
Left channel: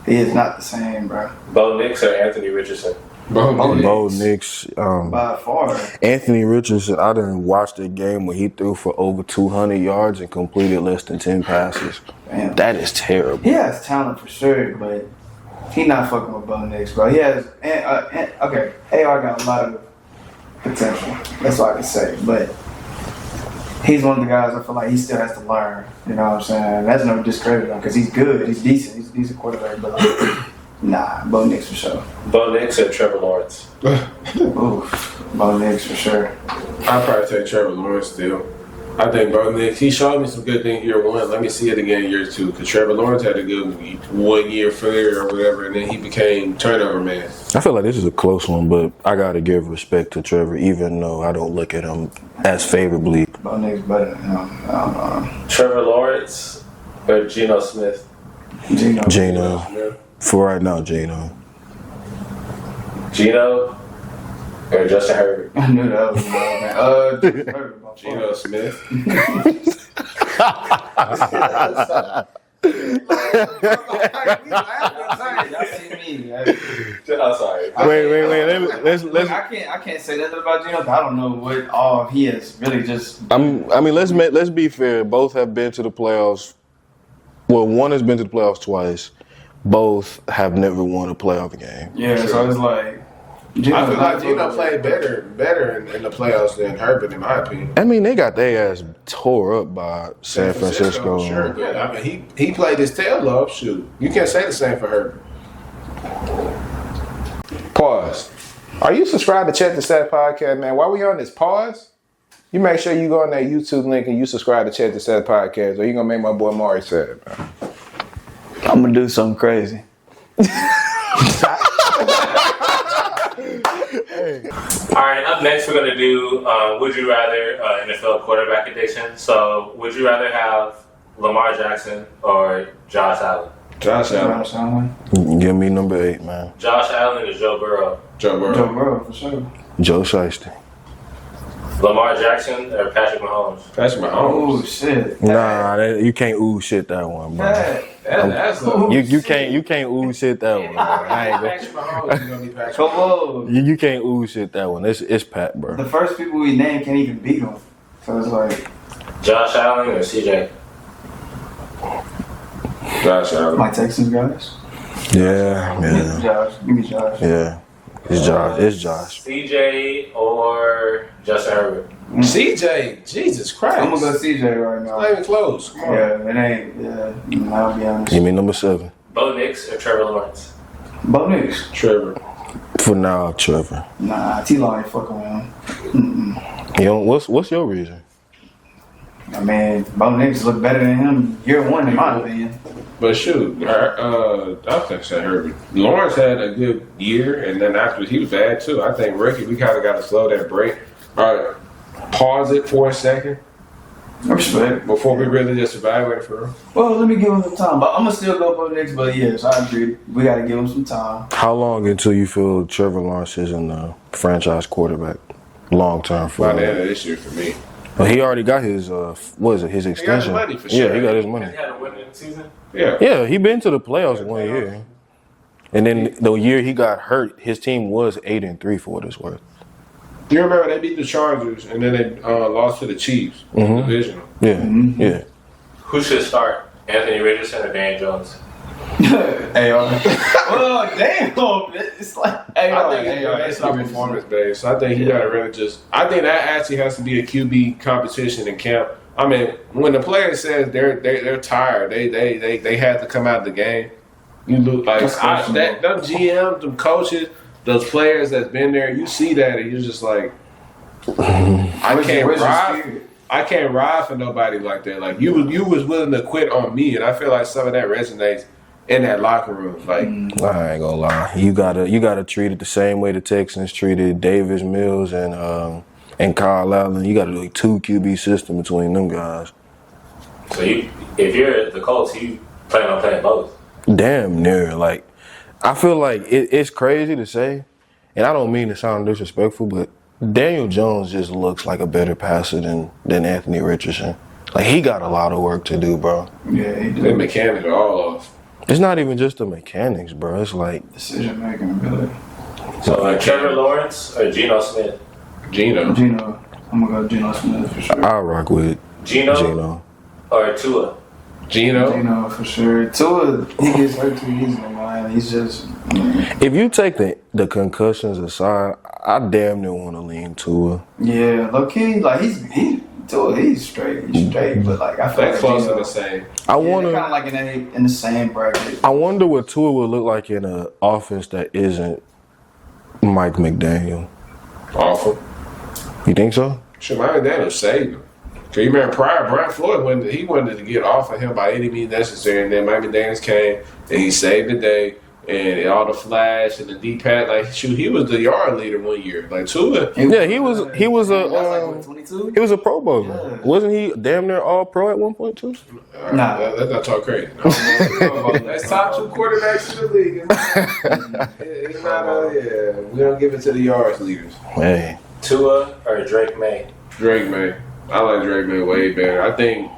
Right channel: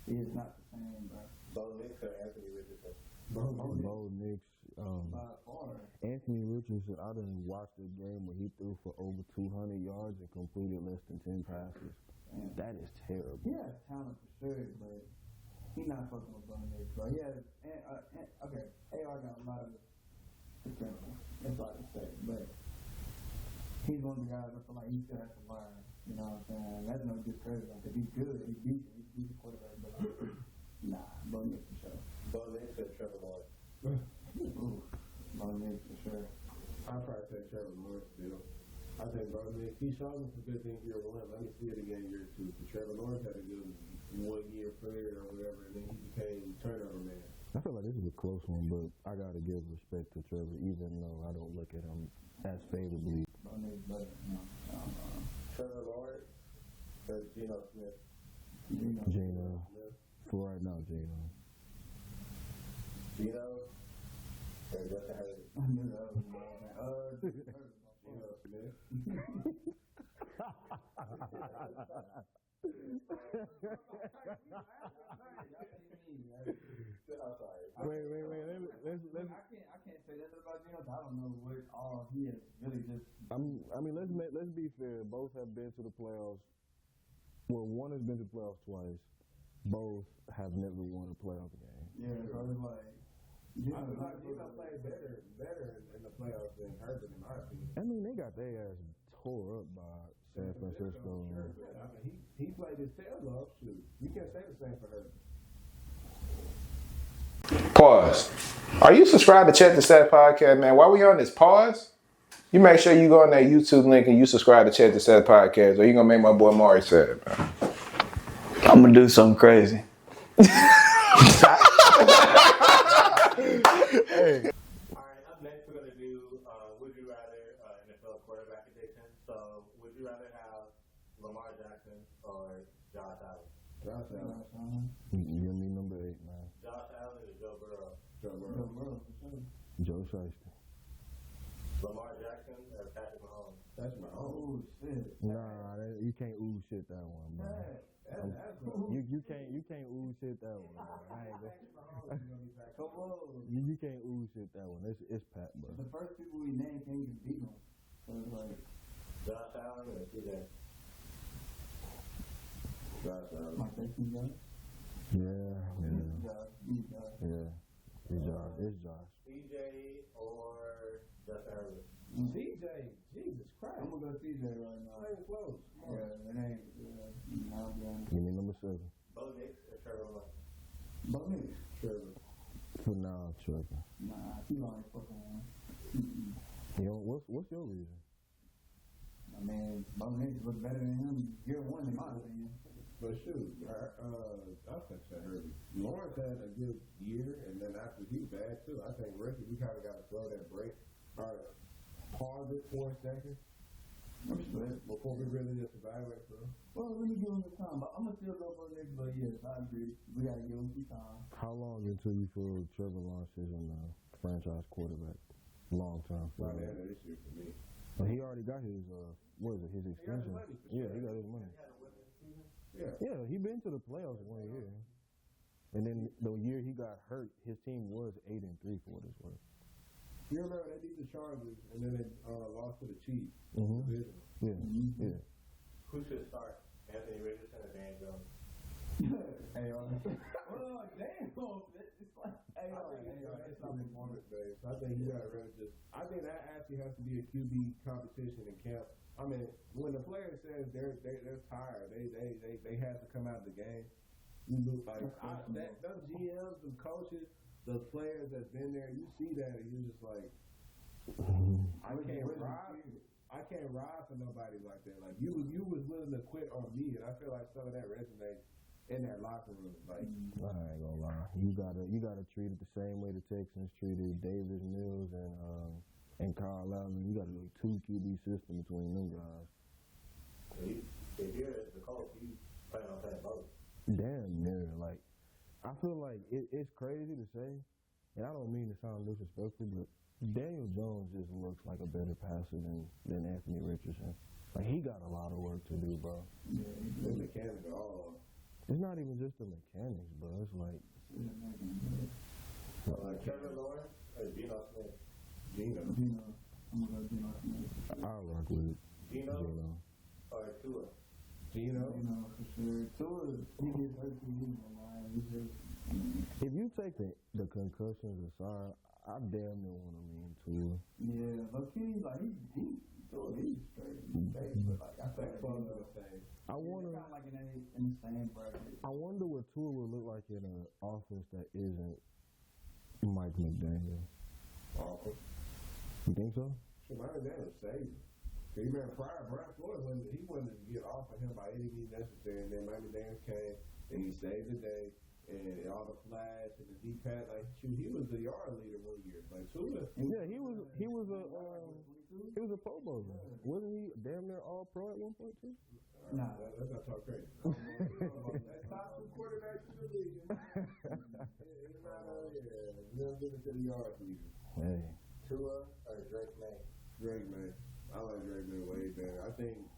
he is not the same, bro. Bo Nix or Anthony Richardson? Bo Nix. By far. Anthony Richardson, I didn't watch the game where he threw for over 200 yards and completed less than 10 passes. Damn. That is terrible. He has talent for sure, but he not fucking with Bo Nix, bro. He has okay. AR got a lot of potential. That's all I can say. But he's one of the guys I feel like he still has to learn. You know what I'm saying? That's no discredit him because he's good. He's decent. He's a decent quarterback. But nah, Bo Nix for sure. Bo Nix or Trevor Lawrence? Oof, Bo Nix for sure. I'd probably take Trevor Lawrence still. I think Bo Nix, he showed me some good things year one. Let me see it again year two. Because Trevor Lawrence had a good 1 year failure or whatever, and then he became turnover man. I feel like this is a close one, but I got to give respect to Trevor, even though I don't look at him as favorably. Bo Nix better than him. I don't know. Trevor Lawrence or Geno Smith? Geno. For right now, Geno. Geno or Justin Herbert? I knew that was man. Geno Smith. I'm sorry. Wait. Let's. I can't say that about Geno. I don't know what all he has really just. I mean, let's be fair. Both have been to the playoffs. Well, one has been to the playoffs twice. Both have never won a playoff game. Yeah, Sure. so it's like. I feel like Geno played better in the playoffs than Herbert, in my opinion. I mean, they got their ass tore up by San Francisco. Sure, but I mean, he played his tail off. Shoot, you can't say the same for Herbert. Pause. Are you subscribed to Check the Stats podcast, man? While we on this pause, you make sure you go on that YouTube link and you subscribe to Check the Stats podcast, or you gonna make my boy Omari sad, man. I'm gonna do something crazy. All right, up next we're going to do Would You Rather NFL quarterback edition. So, would you rather have Lamar Jackson or Josh Allen? Josh Allen. Give me number 8, man. Josh Allen or Joe Burrow? Joe Burrow. Joe Burrow for sure. Joe Shiesty. Lamar Jackson or Patrick Mahomes? Patrick Mahomes. Oh shit. Nah, you can't ooh shit that one, bro. That's You can't ooh shit that one, bro. I ain't Patrick Mahomes is gonna be Patrick. Come on. you can't ooh shit that one. It's Pat, bro. The first people we name can't even beat him. So it's like Josh Allen or CJ? Josh Allen. my Texans guys. Yeah. Josh. Give me Josh. Yeah. It's Josh. CJ or Justin Herbert? CJ, Jesus Christ. I'm gonna go CJ right now. Not even close. Come on. Yeah, it ain't. Yeah, I'll be honest. Give me number 7. Bo Nix or Trevor Lawrence? Bo Nix. Trevor. For now, Trevor. Nah, T-Law ain't fucking with him. Mm-mm. You know, what's your reason? I mean, Bo Nix look better than him year one in my opinion. But shoot, I think so. Herbert. Lawrence had a good year, and then after he was bad too. I think rookie, we kind of got to slow that break. All right, pause it for a second Respect. before we really just evaluate for him. Well, let me give him some time. But I'm gonna still go Bo Nix. But yes, I agree. We gotta give him some time. How long until you feel Trevor Lawrence isn't a franchise quarterback? Long term for By the him. end of this year for me. But he already got his his extension. money for Yeah, sure. he got his money. He had a winning season? Yeah. Yeah, he been to the playoffs 1 year. And then the year he got hurt, his team was 8-3 for what it's worth. Do you remember they beat the Chargers and then they lost to the Chiefs in the divisional? Yeah, yeah. Who should start? Anthony Richardson or Dan Jones? AR. Well, damn. It's like AR. I think it's not performance based. I think he got to really just. I think that actually has to be a QB competition in camp. I mean, when the player says they're tired, they had to come out of the game. You look like them GMs, them coaches, those players that's been there. You see that, and you're just like, I can't ride for nobody like that. Like you was willing to quit on me, and I feel like some of that resonates in that locker room. Like I ain't gonna lie. You gotta treat it the same way the Texans treated Davis Mills and Kyle Allen. You gotta do a 2 QB system between them guys. So if you're the Colts, you plan on playing both? Damn near. Like, I feel like it's crazy to say, and I don't mean to sound disrespectful, but Daniel Jones just looks like a better passer than Anthony Richardson. Like, he got a lot of work to do, bro. Yeah, he the did. mechanics are all off. It's not even just the mechanics, bro. It's like Decision making ability. So Trevor Lawrence or Geno Smith? Geno. I'm gonna go Geno Smith for sure. I rock with Geno or Tua? Geno. Geno for sure. Tua, he gets hurt too easily, man. man. He's just. If you take the concussions aside, I damn near want to lean Tua. Yeah, low key, like he's straight. He's straight, but like I feel They're like close to the same. I kind wonder. of like in the same bracket. I wonder what Tua would look like in an offense that isn't Mike McDaniel. Awful. You think so? Sure, Mike Daniels saved him. Cause you remember prior, Brian Floyd wanted to get off of him by any means necessary, and then Mike McDaniels came and he saved the day. And all the flash and the deep pat, like shoot, he was the yard leader one year. Like Tua, Yeah, he was That's like 22. he was a Pro Bowler. Yeah. Wasn't he damn near All Pro at one point too? Nah. let's not talk crazy. That's top 2 quarterbacks in the league. It's not we don't give it to the yards leaders. Hey, Tua or Drake May? Drake May, I like Drake May way better. I think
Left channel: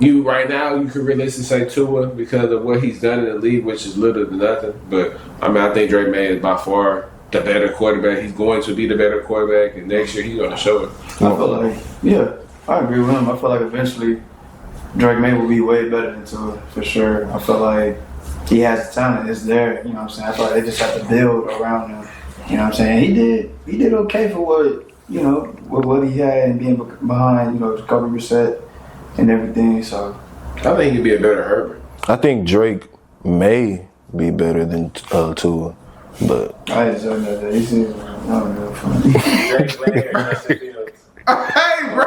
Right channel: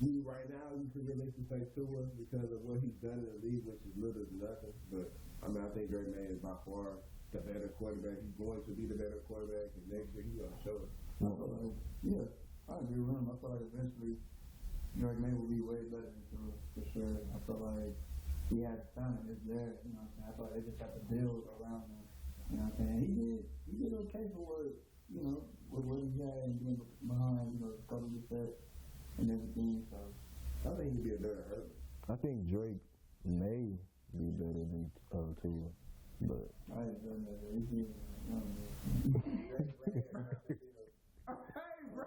right now you could realistically say Tua because of what he's done in the league, which is little to nothing. But I mean, I think Drake May is by far the better quarterback. He's going to be the better quarterback, and next year he's going to show it. I feel like, yeah, I agree with him. I feel like eventually Drake May will be way better than Tua for sure. I feel like he has the talent. It's there. You know what I'm saying? I feel like they just have to build around him. You know what I'm saying? He did okay for what he had and being behind Jacoby Brissett and everything. So I think he'd be a better Herbert. I think Drake may be better than Tua, but I just don't know that. He's I don't know. Drake May or Justin Fields? Hey, bro.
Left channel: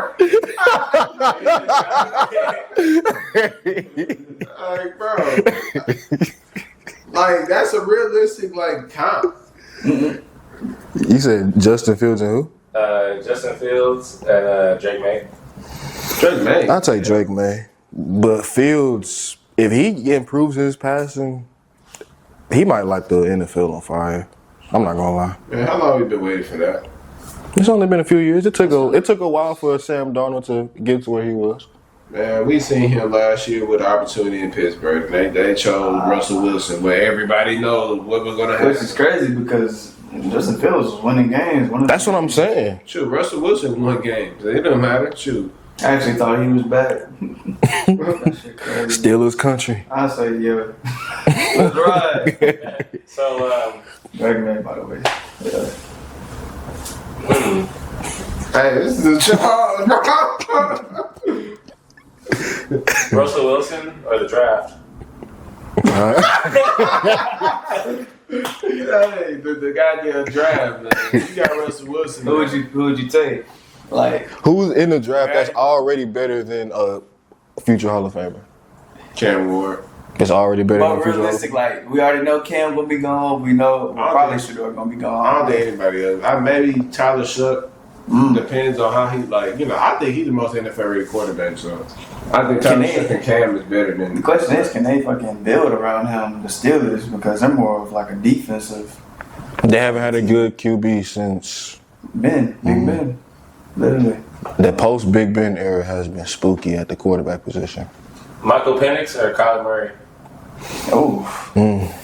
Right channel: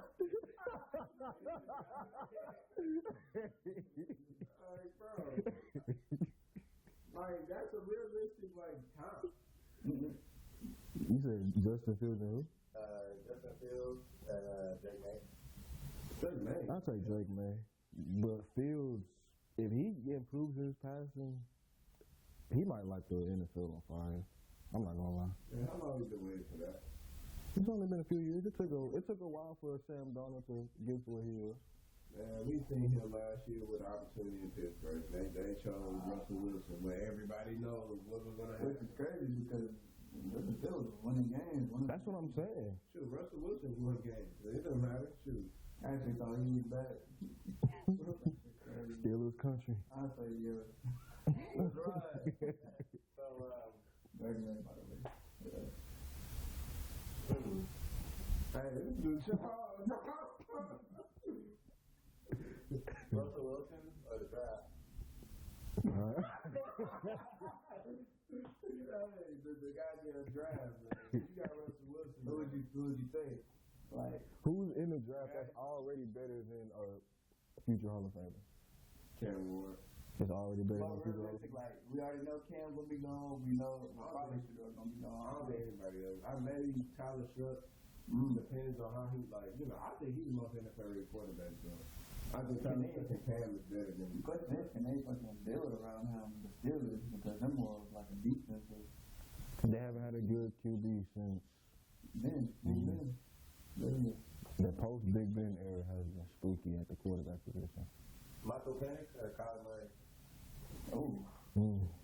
Like, bro. Like, that's a realistic, count. you said Justin Fields and who? Justin Fields and Drake May. Drake May. I'll take Drake May, but Fields, if he improves his passing, he might light the NFL on fire. I'm not gonna lie. Man, how long have you been waiting for that? It's only been a few years. It took a while for Sam Darnold to get to where he was. Man, we seen him last year with opportunity in Pittsburgh. They chose Russell Wilson, where everybody knows what was going to happen. Which is crazy because Justin Fields was winning games. That's what I'm saying. Shoot, Russell Wilson won games. It don't matter. Shoot. I actually thought he was back. That shit crazy. Steelers country. I say yeah. That's right. So, Drake May, by the way. Yeah. Hey, this is a job. Russell Wilson or the draft? Hey, the goddamn draft, man. You got Russell Wilson. Who would you take? Like Who's in the draft that's already better than a future Hall of Famer? Cam Ward. It's already better than but a future Hall of realistic, like we already know Cam gonna be gone. We know probably Sheduer gonna be I gone. don't think anybody else. Maybe Tyler Shook. Depends on how he I think he's the most NFL-rated quarterback. So I think Tyler Shook and Cam is better than. The question is, can they fucking build around him, the Steelers, because they're more of like a defensive. They haven't had a good QB since Big Ben, literally. the post Big Ben era has been spooky at the quarterback position. Michael Penix or Kyler Murray? Oh,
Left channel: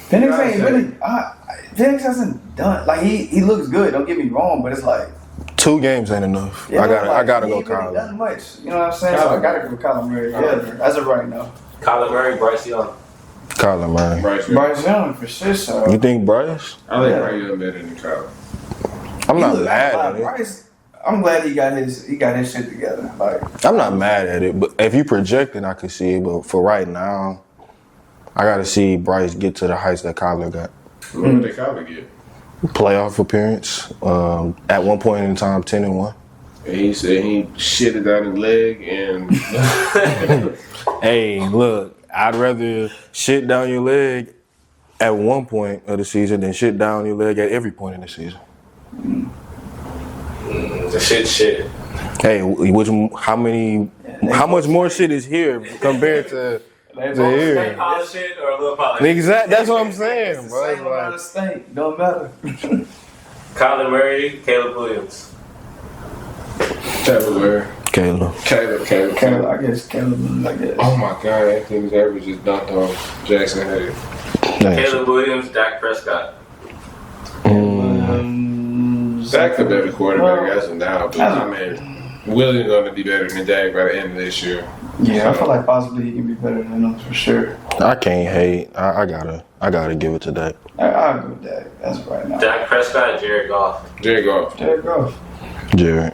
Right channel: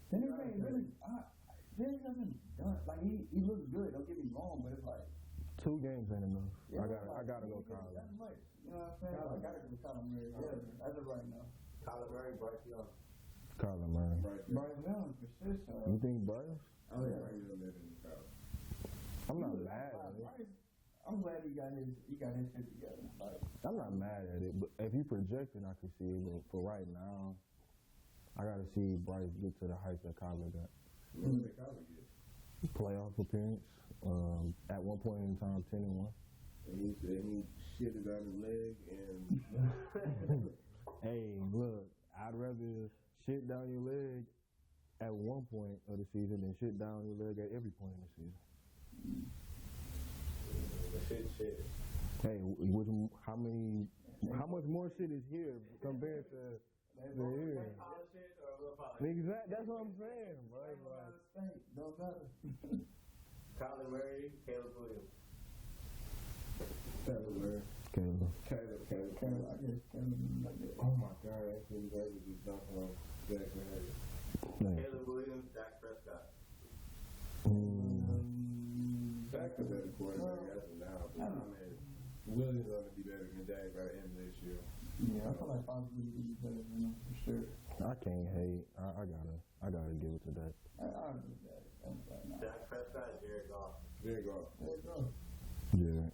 Penix ain't really. Penix hasn't done like he looks good. Don't get me wrong, but it's like 2 games ain't enough. yeah, I gotta he go ain't really Kyler. done much. You know what I'm saying? So I gotta go Kyler Murray. Yeah, as of right now. Kyler Murray, Bryce Young. Kyler Murray. Bryce Young for sure. So You think Bryce? I think Bryce Young better than Kyler. I'm not Look, mad at it. Bryce, I'm glad he got his shit together. Like I'm not mad at it, but if you project it, I could see it. But for right now, I gotta see Bryce get to the heights that Kyler got. What would they Kyler get? Playoff appearance. At one point in time, 10-1. And he said he shitted down his leg and. Hey, look, I'd rather shit down your leg at one point of the season than shit down your leg at every point in the season. The shit. Hey, how much more shit is here compared to here? Snake polish shit or a little polish? Exactly, that's what I'm saying, bro. same amount of stink. Don't matter. Kyler Murray, Caleb Williams. Caleb. Caleb, I guess Caleb. I guess. Oh my God, Anthony Davis just dunked on Jackson Hayes. Caleb Williams, Dak Prescott. Dak's a better quarterback as of now, but I mean, Williams going to be better than Dak by the end of this year. Yeah, I feel like possibly he can be better than them for sure. I can't hate. I gotta give it to Dak. I'll go with Dak. That's right now. Dak Prescott, Jared Goff. Jared Goff. Jared Goff. Jared.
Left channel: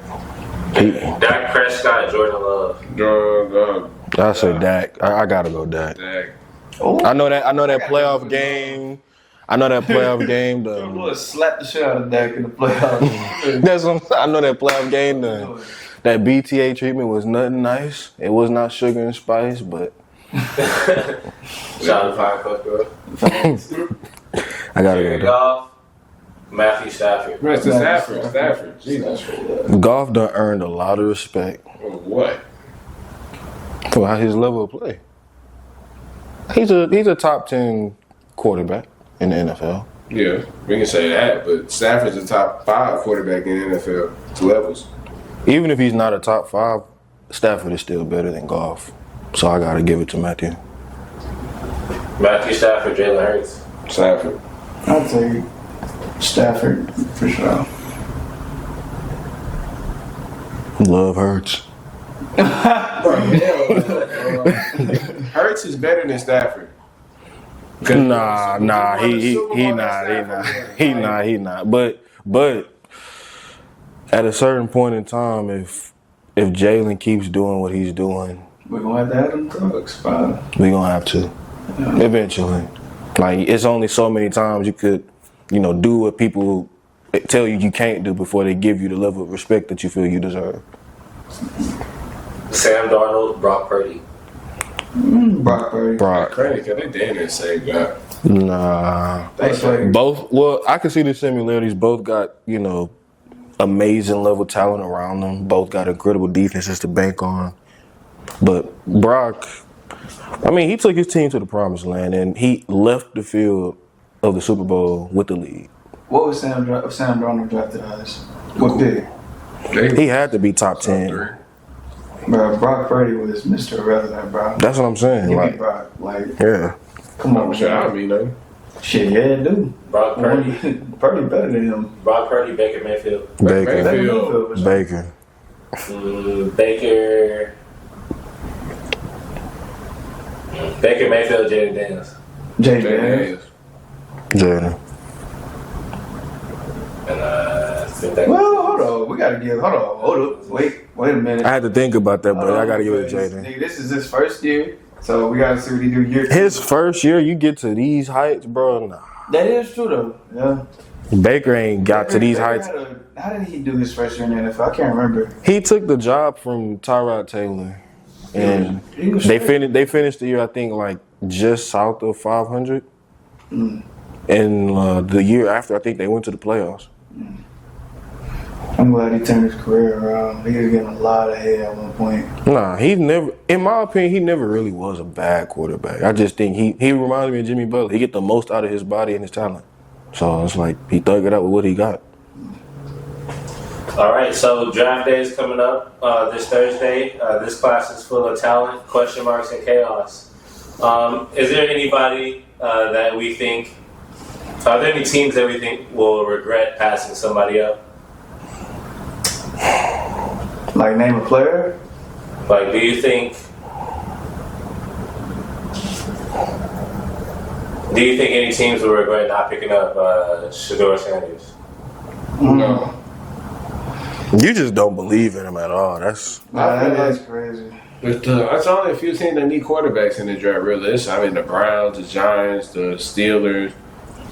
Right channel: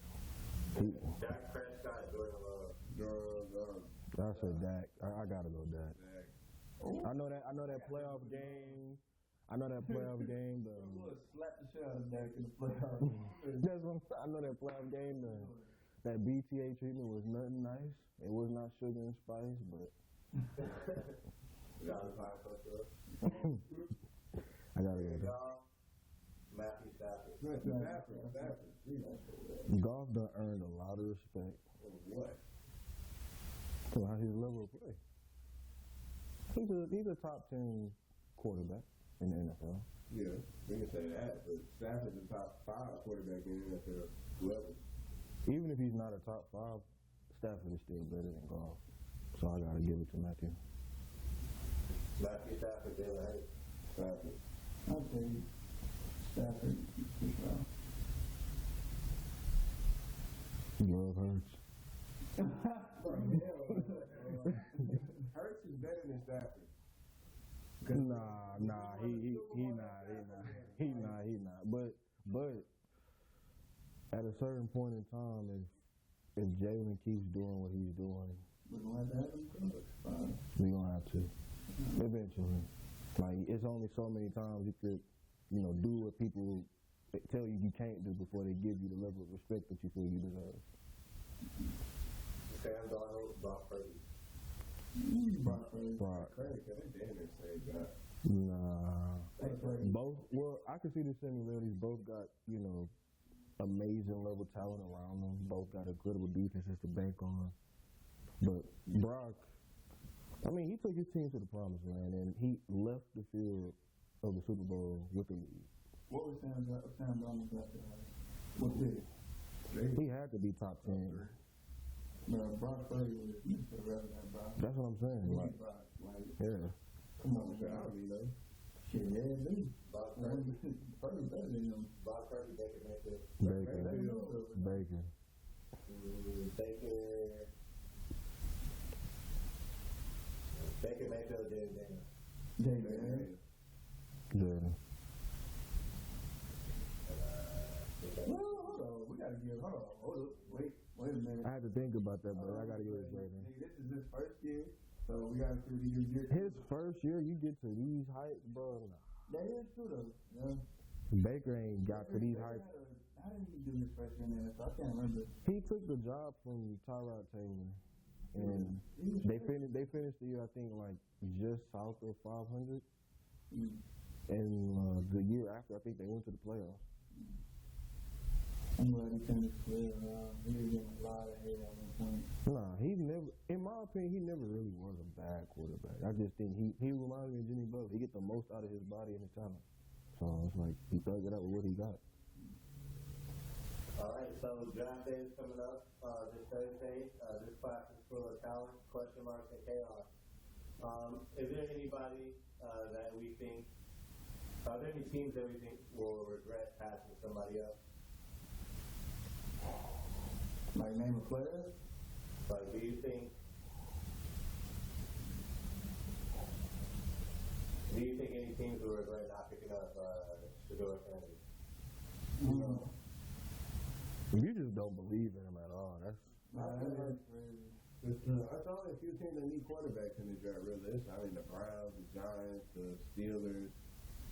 Dak Prescott, Jordan Love. I say Dak. I gotta go Dak. Dak. Oh, I know that playoff game. I know that playoff game. Lord slapped the shit out of Dak in the playoffs. That's what I know that playoff game. That BTA treatment was nothing nice. It was not sugar and spice, but Shout out to Fire Coach, bro. I gotta Jared go. Goff, Matthew Stafford. Right, to Stafford. Jesus. Goff done earned a lot of respect What? for his level of play. He's a top 10 quarterback in the NFL. Yeah, we can say that, but Stafford's a top 5 quarterback in the NFL levels. Even if he's not a top 5, Stafford is still better than Goff. So I gotta give it to Matthew. Matthew Stafford, Jalen Hurts. Stafford. I'll take Stafford for sure. Love Hurts. Hurts is better than Stafford. Nah, he not. But at a certain point in time, if Jalen keeps doing what he's doing, We're gonna have to have them drugs, fine. we gonna have to eventually. Like it's only so many times you could, do what people tell you can't do before they give you the level of respect that you feel you deserve. Sam Darnold, Brock Purdy. Brock Purdy. Brock. Credit, cause they damn near same guy. Nah. Thanks, like, Both. Well, I can see the similarities. Both got amazing level talent around them. Both got incredible defenses to bank on. But Brock, he took his team to the promised land, and he left the field of the Super Bowl with the lead. what was Sam Darnold drafted as? What pick? He had to be top 10. Bro, Brock Purdy was Mr. Irrelevant, bro. That's what I'm saying. Give me Brock. Like, Yeah. come on, Shit, I man. don't mean nothing. Shit, yeah, dude. Brock Purdy. Purdy better than him. Brock Purdy, Baker Mayfield. Baker. Mayfield. Baker. Baker Mayfield, Jaden Daniels. Jay Daniels. Jordan. And I think that. Well, hold on. Hold up. Wait a minute. I had to think about that, but I got to give it to Because, Jaden. nigga, this is his first year, so we got to see what he do year 2. His first year, you get to these heights, bro. Nah. That is true, though. Yeah. Baker ain't got to these heights. How did he do his first year in the NFL? I can't remember. He took the job from Tyrod Taylor, and He was they straight. finished the year, I think, like just south of 500. And the year after, I think they went to the playoffs. I'm glad he turned his career around. He was getting a lot of hate at one point. Nah, he never, in my opinion, he never really was a bad quarterback. I just think he reminds me of Jimmy Butler. He get the most out of his body and his talent. So it's like he thug it out with what he got. All right, so draft day is coming up this Thursday. This class is full of talent, question marks, and chaos. Is there anybody that we think? Are there any teams that we think will regret passing somebody up? Like, name a player? Like, do you think any teams will regret not picking up Shedeur Sanders? No. You just don't believe in him at all. That's That's crazy. But it's only a few teams that need quarterbacks in the draft, really. The Browns, the Giants, the Steelers.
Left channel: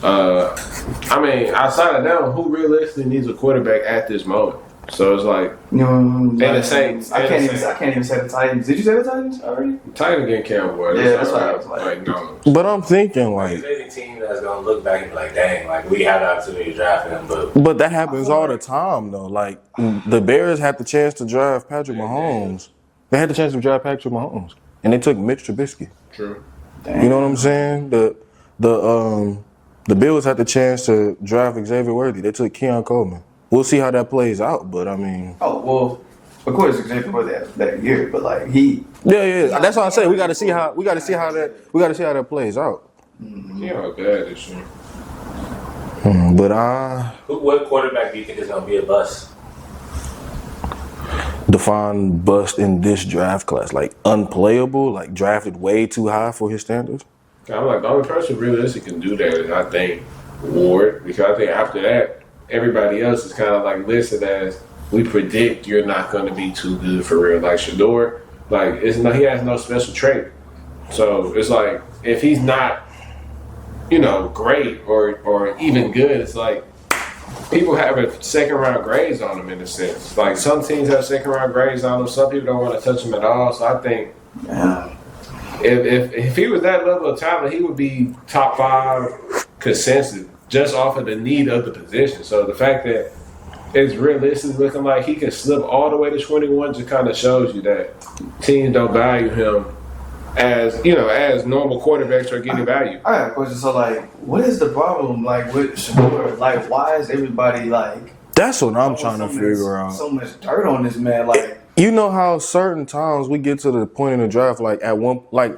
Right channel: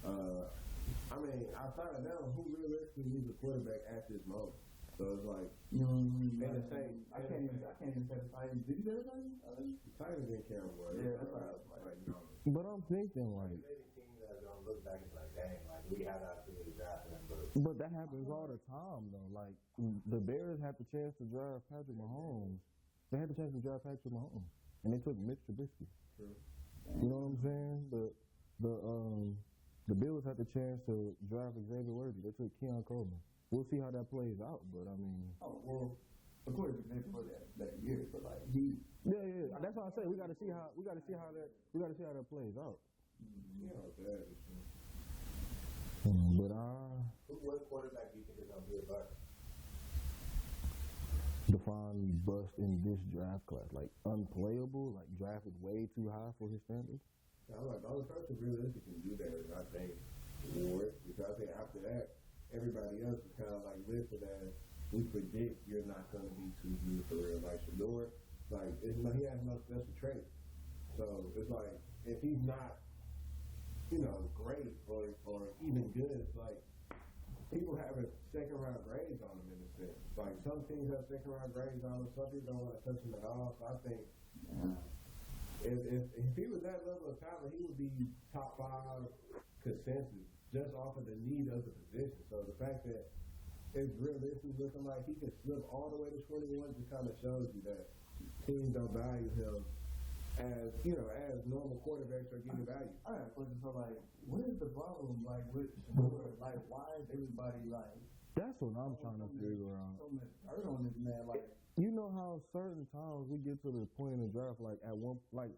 Outside of them, who realistically needs a quarterback at this moment? So it's like The Saints. I can't even say the Titans. Did you say the Titans already? Titans getting Cowboys. Yeah, that's what I was like. no. But I'm thinking like, Is there any team that's gonna look back and be like, "Dang, like we had the opportunity to draft him, but that happens all the time though. Like the Bears had the chance to draft Patrick Mahomes. They had the chance to draft Patrick Mahomes, and they took Mitch Trubisky. True. You know what I'm saying? The Bills had the chance to draft Xavier Worthy. They took Keon Coleman. We'll see how that plays out, but I mean. Oh well, of course Xavier was that year, but like he. Yeah. That's what I say. We got to see how that plays out. Yeah, bad this year. But what quarterback do you think is gonna be a bust? define bust in this draft class? Like unplayable, like drafted way too high for his standards? I'm like, the only person realistically can do that is, I think, Ward, because I think after that, everybody else is kind of like listed as, we predict you're not going to be too good for real. Like Sheduer, like he has no special trait. So it's like, if he's not, great or even good, it's like people have a second round grades on him in a sense. Like some teams have second round grades on him, some people don't want to touch him at all. So I think if he was that level of talent, he would be top 5 consensus just off of the need of the position. So the fact that it's realistically looking like he can slip all the way to 21 just kind of shows you that teams don't value him as normal quarterbacks are getting value. I have a question. So, like, what is the problem, like, with Sheduer? Like, why is everybody, like... That's what I'm trying to figure out. So much dirt on this man, like... You know how certain times we get to the point in the draft, like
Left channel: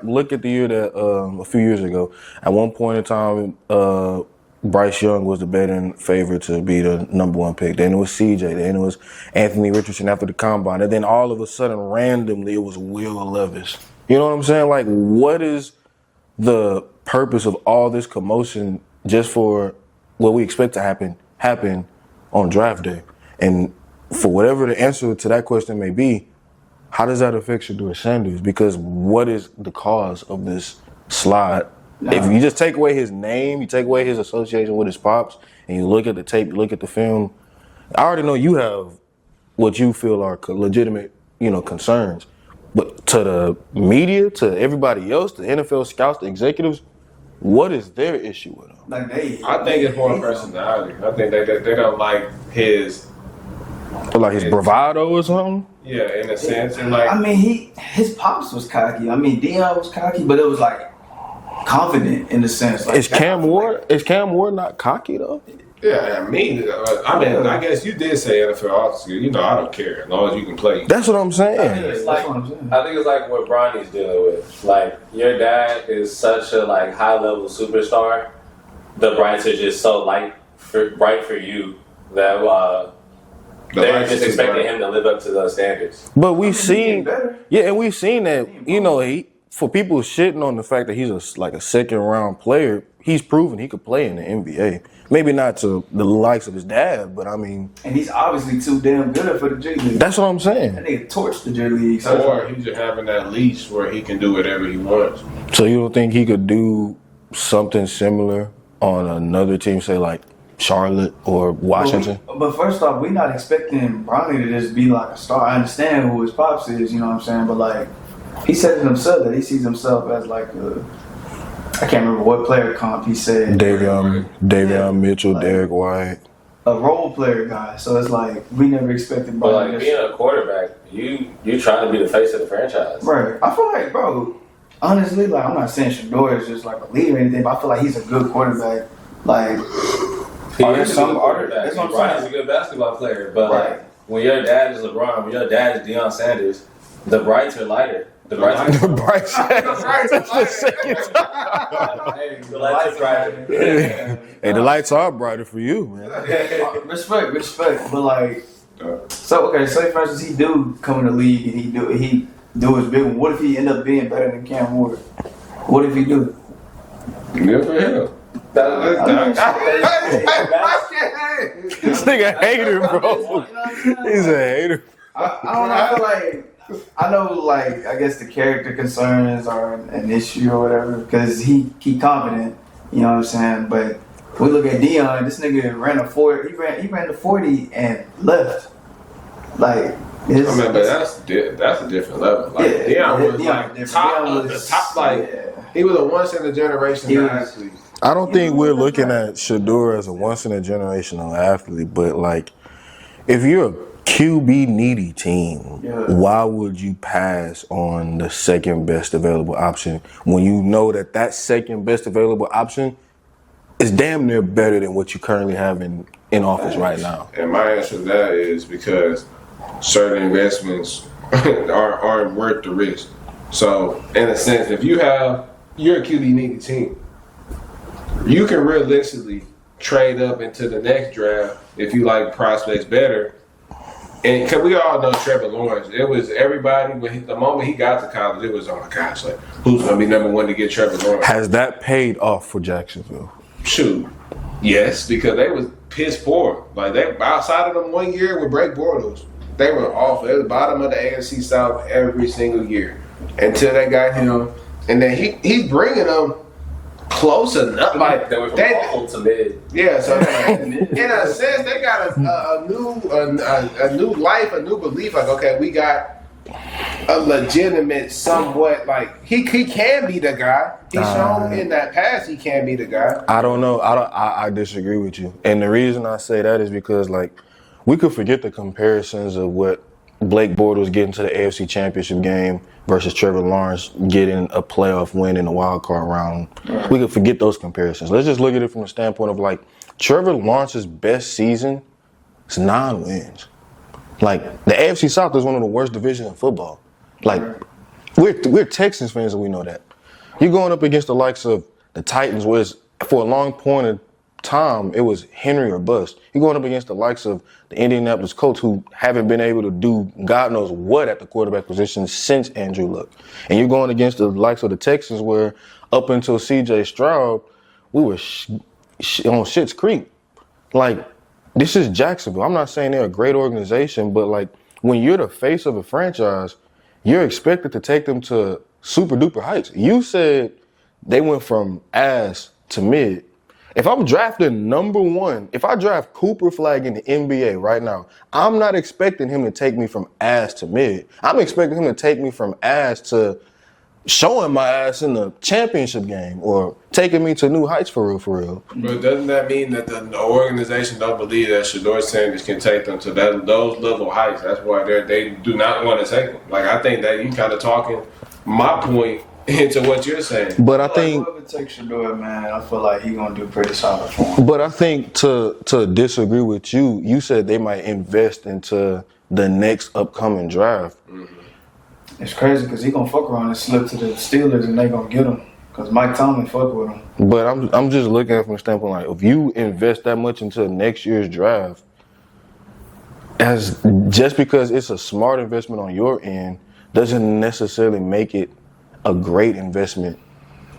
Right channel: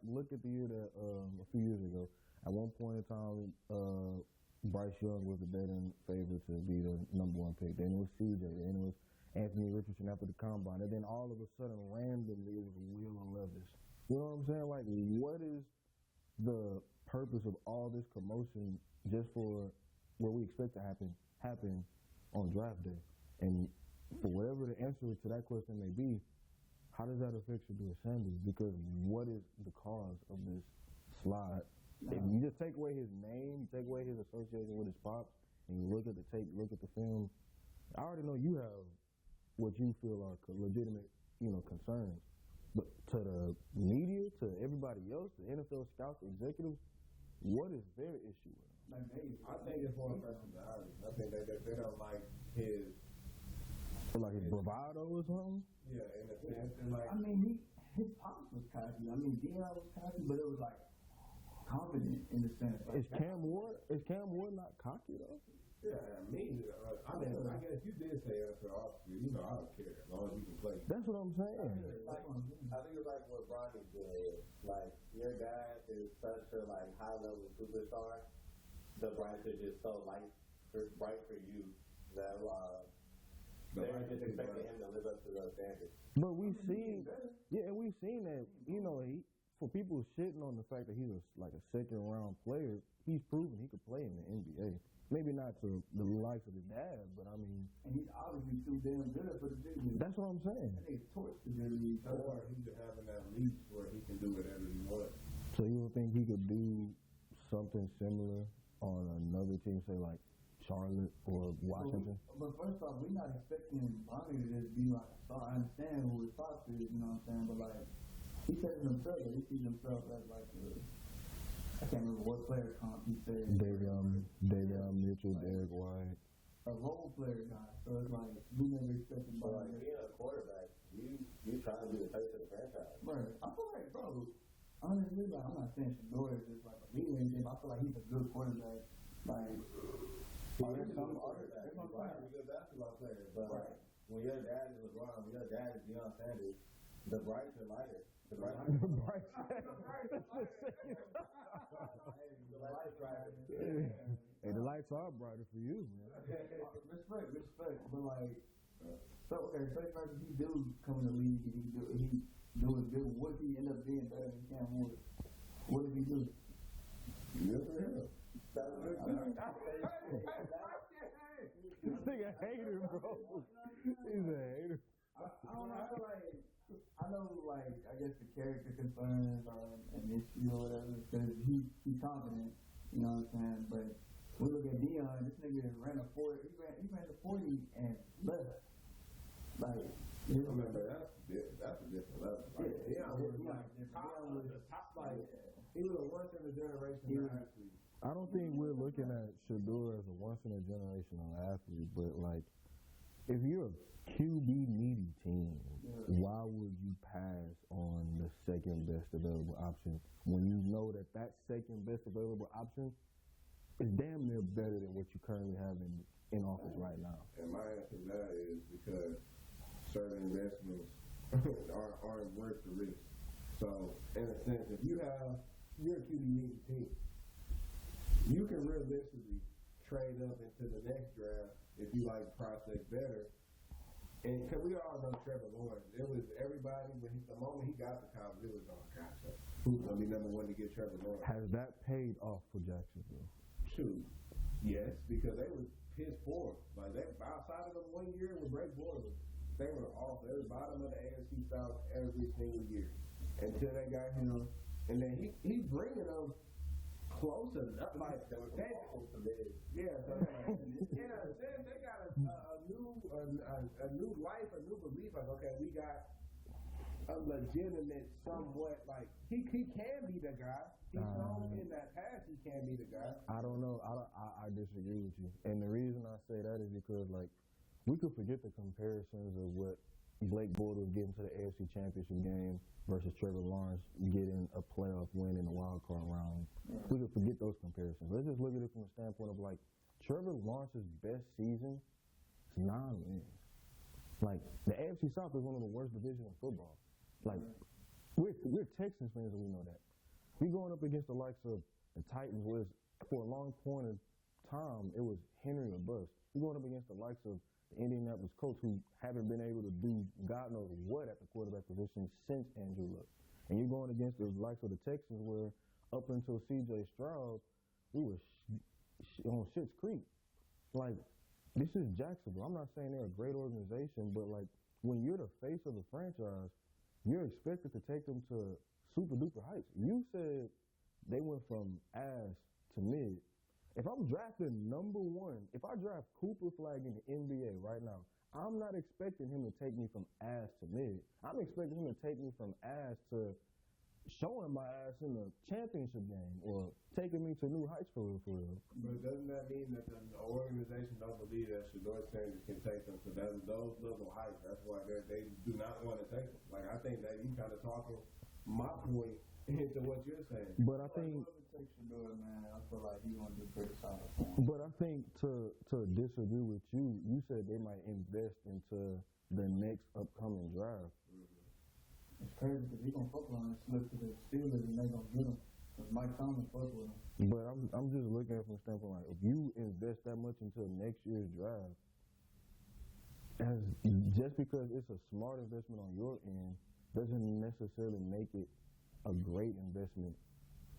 look at the year that, a few years ago, at one point in time, Bryce Young was the betting favorite to be the number 1 pick. Then it was CJ. Then it was Anthony Richardson after the combine. And then all of a sudden, randomly, it was Will Levis. You know what I'm saying? Like, what is the purpose of all this commotion just for what we expect to happen on draft day? And for whatever the answer to that question may be, how does that affect Shedeur Sanders? Because what is the cause of this slide? No. If you just take away his name, you take away his association with his pops, and you look at the tape, you look at the film, I already know you have what you feel are legitimate, concerns. But to the media, to everybody else, the NFL scouts, the executives, what is their issue with him? I think it's more personality. I think they don't like his... Like his bravado or something? Yeah, in a sense. And like, I mean, his pops was cocky. I mean, Dion was cocky, but it was like confident in the sense. Like, is Cam Ward not cocky though? Yeah, I guess you did say NFL officer. I don't care as long as you can play. That's what I'm saying. I think it's like what Bronny's dealing with. Like, your dad is such a high level superstar. The brights are just so bright for you that they're just expecting him to live up to those standards. But we've seen that for people shitting on the fact that he's a second round player, he's proven he could play in the NBA. Maybe not to the likes of his dad, but I mean... And he's obviously too damn good for the J League. That's what I'm saying. That nigga torched the J League. Or he's just having that leash where he can do whatever he wants. So you don't think he could do something similar on another team, say like Charlotte or Washington? But first off, we're not expecting Bronny to just be like a star. I understand who his pops is, you know what I'm saying? But he said it himself that he sees himself as I can't remember what player comp he said. Davion Mitchell, Derek White. A role player guy. So it's we never expected Bronny. But being a quarterback, you trying to be the face of the franchise. Right. I feel like, bro, honestly, I'm not saying Sheduer is just a leader or anything, but I feel like he's a good quarterback. He's a good basketball player, but when your dad is LeBron, when your dad is Deion Sanders, the brights are lighter. The brights are Hey, the lights are brighter for you, man. Respect. But say for instance he do come in the league and he do his big one. What if he end up being better than Cam Ward? What if he do? Good for him. This nigga a hater, bro. He's a hater. I don't know. I feel I know, I guess the character concerns are an issue or whatever because he confident, you know what I'm saying? But we look at Dion, this nigga ran a 40, he ran the 40 and left. But that's a different level. Dion was he was a once in a generation athlete. I don't think we're looking at Sheduer as a once in a generational athlete, but if you're a QB needy team, why would you pass on the second best available option when you know that second best available option is damn near better than what you currently have in office right now? And my answer to that is because certain investments aren't worth the risk. So in a sense, if you're a QB needy team, you can realistically trade up into the next draft if you like prospects better And because we all know Trevor Lawrence, it was everybody, the moment he got to college, it was, oh my gosh, like, who's going to be number one to get Trevor Lawrence? Has that paid off for Jacksonville? Shoot. Yes, because they was piss poor. Like, they outside of them 1 year with Blake Bortles, they were awful. They were the bottom of the AFC South every single year until they got him. And then he's bringing them close enough. Like, they went from awful to mid. yeah, so in a sense, they got a new life, a new belief. Like, okay, we got a legitimate, somewhat like he can be the guy. He's shown in that past he can be the guy. I don't know. I disagree with you. And the reason I say that is because, like, we could forget the comparisons of what Blake Bortles getting to the AFC Championship game versus Trevor Lawrence getting a playoff win in the wild card round. We could forget those comparisons. Let's just look at it from the standpoint of, like, Trevor Lawrence's best season is 9 wins. Like, the AFC South is one of the worst divisions in football. Like, we're Texans fans and we know that. You're going up against the likes of the Titans, where it's, for a long point of time, it was Henry or bust. You're going up against the likes of the Indianapolis Colts, who haven't been able to do God knows what at the quarterback position since Andrew Luck. And you're going against the likes of the Texans, where up until C.J. Stroud, we were on Schitt's Creek. Like, this is Jacksonville. I'm not saying they're a great organization, but, like, when you're the face of a franchise, you're expected to take them to super duper heights. You said they went from ass to mid. If I'm drafting number 1, if I draft Cooper Flag in the NBA right now, I'm not expecting him to take me from ass to mid. I'm expecting him to take me from ass to showing my ass in the championship game or taking me to new heights for real. But doesn't that mean that the organization don't believe that Shedeur Sanders can take them to those level heights? That's why they do not want to take them. Like, I think that you kind of talking my point into what you're saying. But I think whoever takes Sheduer, man, I feel like he's gonna do pretty solid for him. But I think to disagree with you, you said they might invest into the next upcoming draft. Mm-hmm. It's crazy because he gonna fuck around and slip to the Steelers and they gonna get him because Mike Tomlin fuck with him. But I'm just looking at it from the standpoint, like, if you invest that much into next year's draft, just because it's a smart investment on your end doesn't necessarily make it a great investment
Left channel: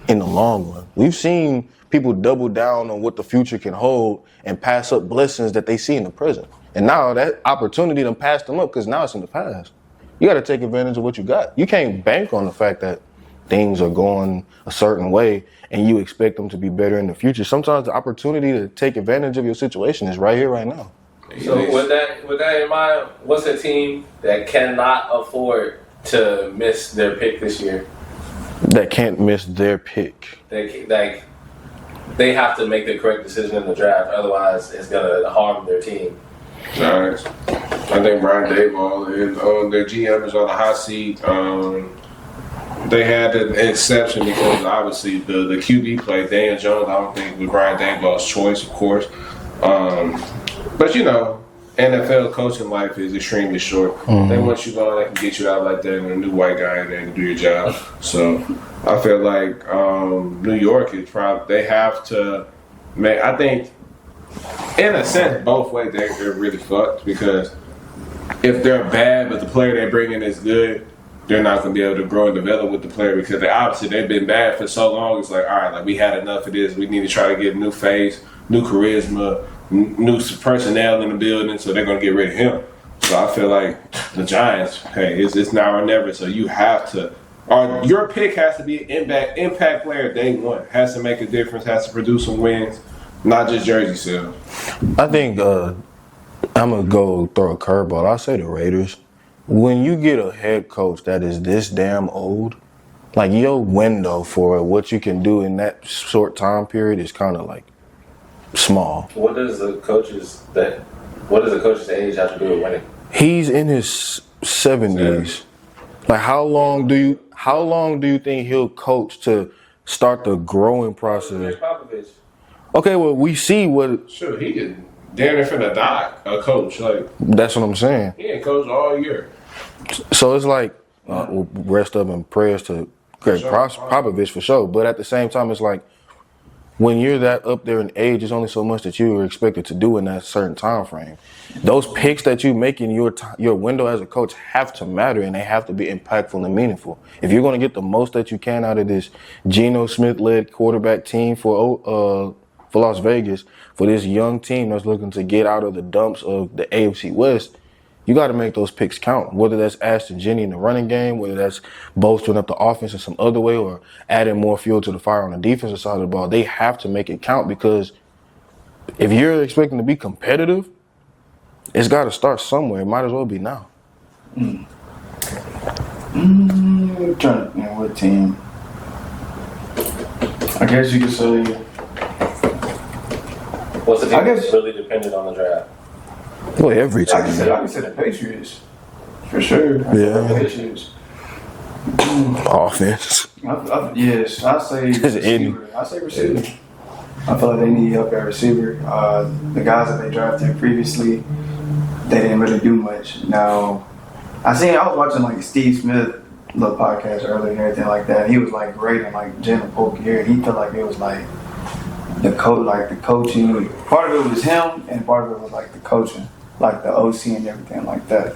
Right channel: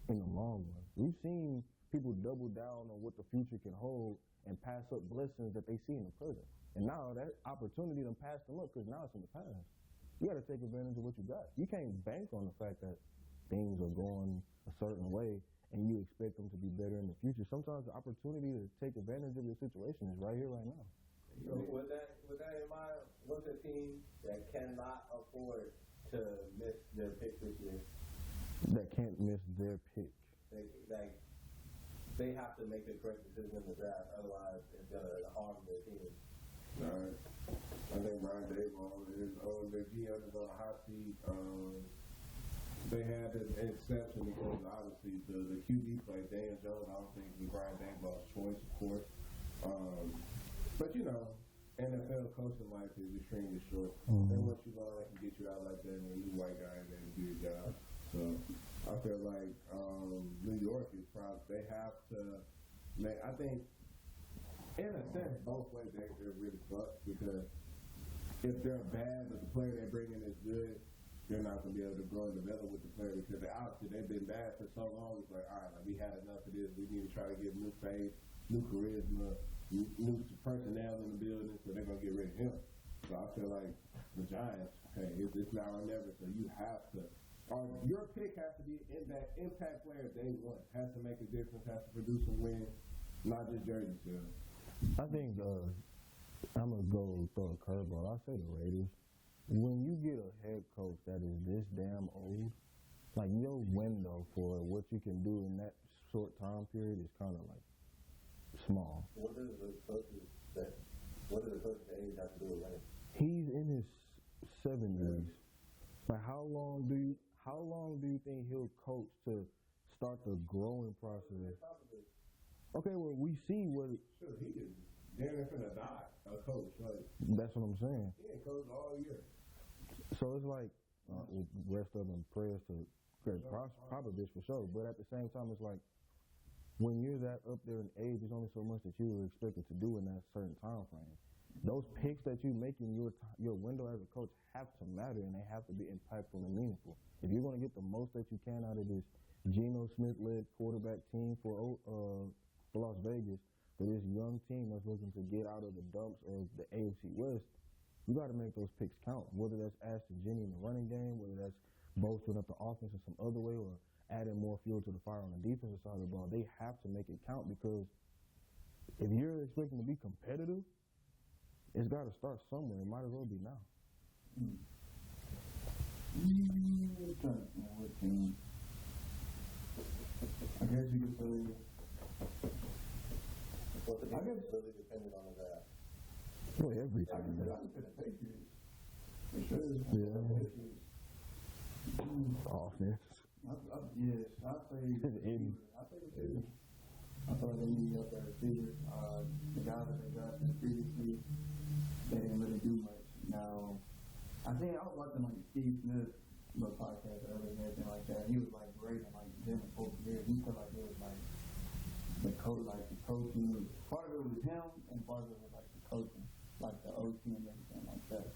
in the long run. We've seen people double down on what the future can hold and pass up blessings that they see in the present. And now that opportunity done passed them up because now it's in the past. You got to take advantage of what you got. You can't bank on the fact that things are going a certain way and you expect them to be better in the future. Sometimes the opportunity to take advantage of your situation is right here, right now. So with that in mind, what's a team that cannot afford to miss their pick this year? That can't miss their pick. They have to make the correct decision in the draft, otherwise it's gonna harm their team. Giants. I think Brian Daboll is their GM is on the hot seat. They had an exception because obviously the QB play, Dan Jones, I don't think was Brian Daboll's choice, of course. But you know, NFL coaching life is extremely short. Mm-hmm. They want you going, they can get you out like that, and a new white guy in there to do your job. So I feel like New York is probably, they have to make, I think, in a sense, both ways they're really fucked because if they're bad but the player they bring in is good, they're not going to be able to grow and develop with the player because they've been bad for so long. It's like, all right, like we had enough of this. We need to try to get a new face, new charisma, new personnel in the building, so they're going to get rid of him. So I feel like the Giants, hey, it's now or never. So you have to, or your pick has to be an impact player day one. Has to make a difference, has to produce some wins. Not just jersey sales. I think I'm going to go throw a curveball. I'll say the Raiders. When you get a head coach that is this damn old, like your window for what you can do in that short time period is kind of like small. What does the coach's age have to do with winning? He's in his 70s. Like how long do you think he'll coach to start the growing process? Okay, well, we see what... Sure, he could damn near finna die, a coach. Like that's what I'm saying. He ain't coached all year. So it's like, rest up and prayers to Greg Popovich for sure. But at the same time, it's like, when you're that up there in age, there's only so much that you are expected to do in that certain time frame. Those picks that you make in your window as a coach have to matter, and they have to be impactful and meaningful. If you're going to get the most that you can out of this Geno Smith-led quarterback team for Las Vegas, for this young team that's looking to get out of the dumps of the AFC West, you got to make those picks count, whether that's Ashton Jennings in the running game, whether that's bolstering up the offense in some other way, or adding more fuel to the fire on the defensive side of the ball. They have to make it count, because if you're expecting to be competitive, it's got to start somewhere. It might as well be now. I'm trying to think what team. I guess you could say. What's the team I guess- that's really dependent on the draft? Well, every I can team. say the Patriots. For sure. Yeah. The Patriots. Offense. Yes, I say receiver. I say receiver. I feel like they need help at receiver. The guys that they drafted previously, they didn't really do much. Now, I was watching like Steve Smith little podcast earlier and everything like that. He was like rating like Jalen Polk here, and he felt like it was like the coaching. Part of it was him, and part of it was like the coaching, like the OC and everything like that.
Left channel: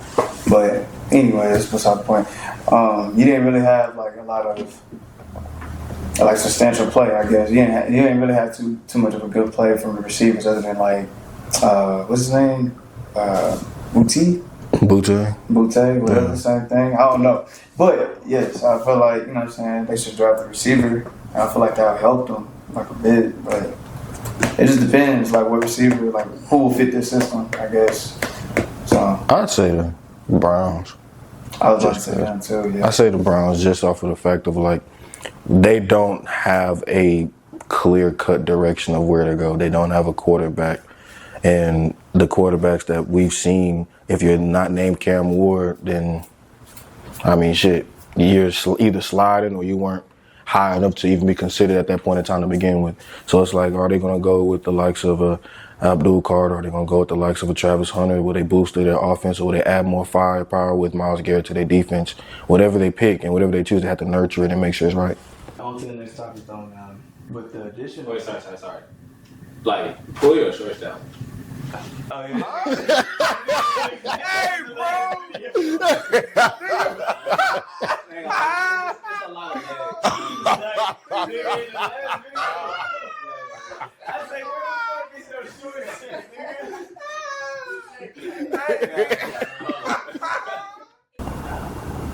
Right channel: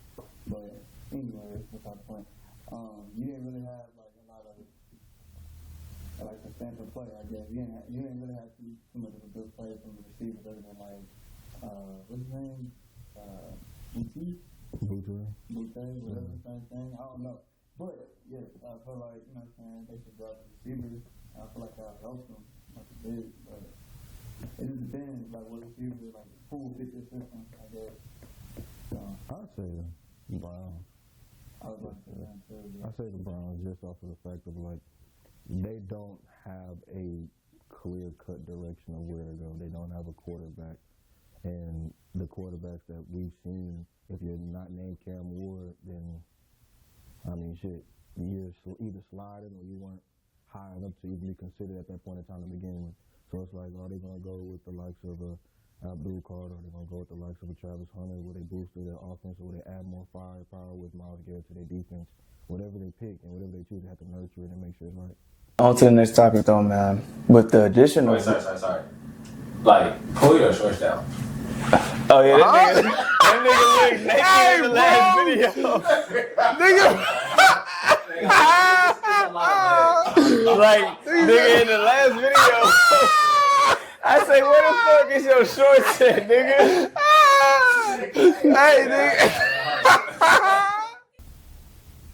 But anyway, that's beside the point. You didn't really have like a lot of like substantial play, I guess. You didn't really have too much of a good play from the receivers, other than like what's his name, Boutte, whatever, the same thing. I don't know, but yes, I feel like, you know what I'm saying, they should draft the receiver. And I feel like that would help them like a bit, but it just depends, like what receiver, like who will fit this system, I guess. So I'd say the Browns. I was about to say that too. Yeah. I say the Browns just off of the fact of like they don't have a clear-cut direction of where to go. They don't have a quarterback, and the quarterbacks that we've seen, if you're not named Cam Ward, then I mean, shit, you're either sliding or you weren't high enough to even be considered at that point in time to begin with. So it's like, are they going to go with the likes of Abdul Carter? Are they going to go with the likes of a Travis Hunter? Will they boost their offense, or will they add more firepower with Myles Garrett to their defense? Whatever they pick and whatever they choose, they have to nurture it and make sure it's right. On to the next topic though, man. With the addition of... Sorry. Like, pull your shorts down. Oh yeah, that nigga naked in the last video. Like, nigga in the last video. I say, where the fuck is your shorts at, nigga? Hey, nigga.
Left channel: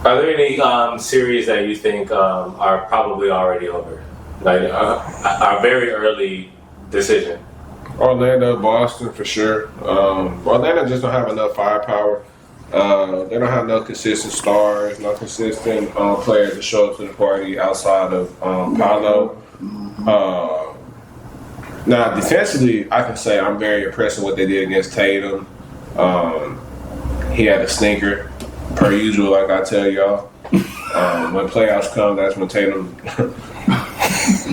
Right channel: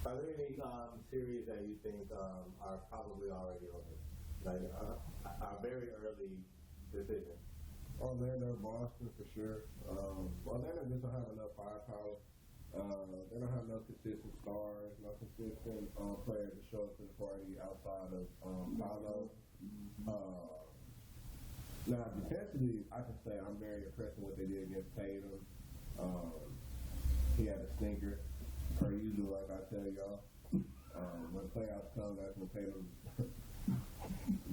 Are there any series that you think are probably already over? Like, a very early decision? Orlando, Boston for sure. Orlando just don't have enough firepower. They don't have no consistent stars, no consistent players to show up to the party outside of Paolo. Now, defensively, I can say I'm very impressed with what they did against Tatum. He had a stinker, per usual, like I tell y'all. When playoffs come, that's when Tatum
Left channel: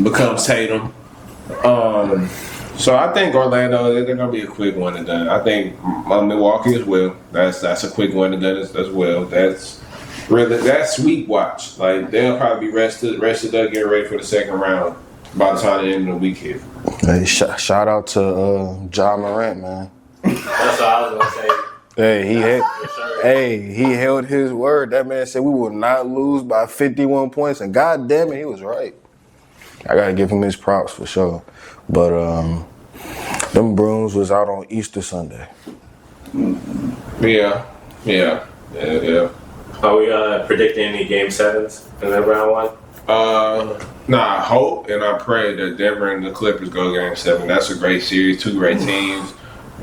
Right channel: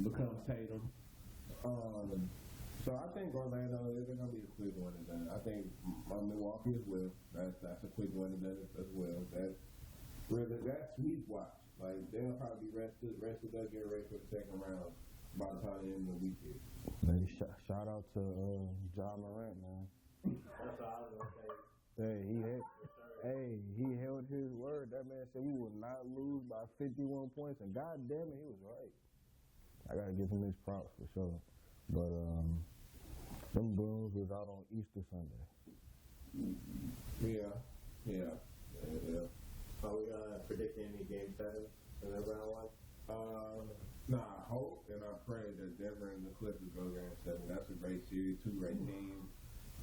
becomes Tatum. So I think Orlando, they're going to be a quick one and done. I think Milwaukee as well. That's a quick one and done as well. That's sweet watch. Like, they'll probably be rested up, getting ready for the second round by the time the end of the week hit. Hey, shout out to Ja Morant, man. That's what I was going to say. Hey, he held his word. That man said we will not lose by 51 points, and god damn it, he was right. I gotta give him his props for sure. But them Bruins was out on Easter Sunday. Yeah. Are we predicting any Game 7s in that round one? I hope and I pray that Denver and the Clippers go Game 7. That's a great series, two great teams.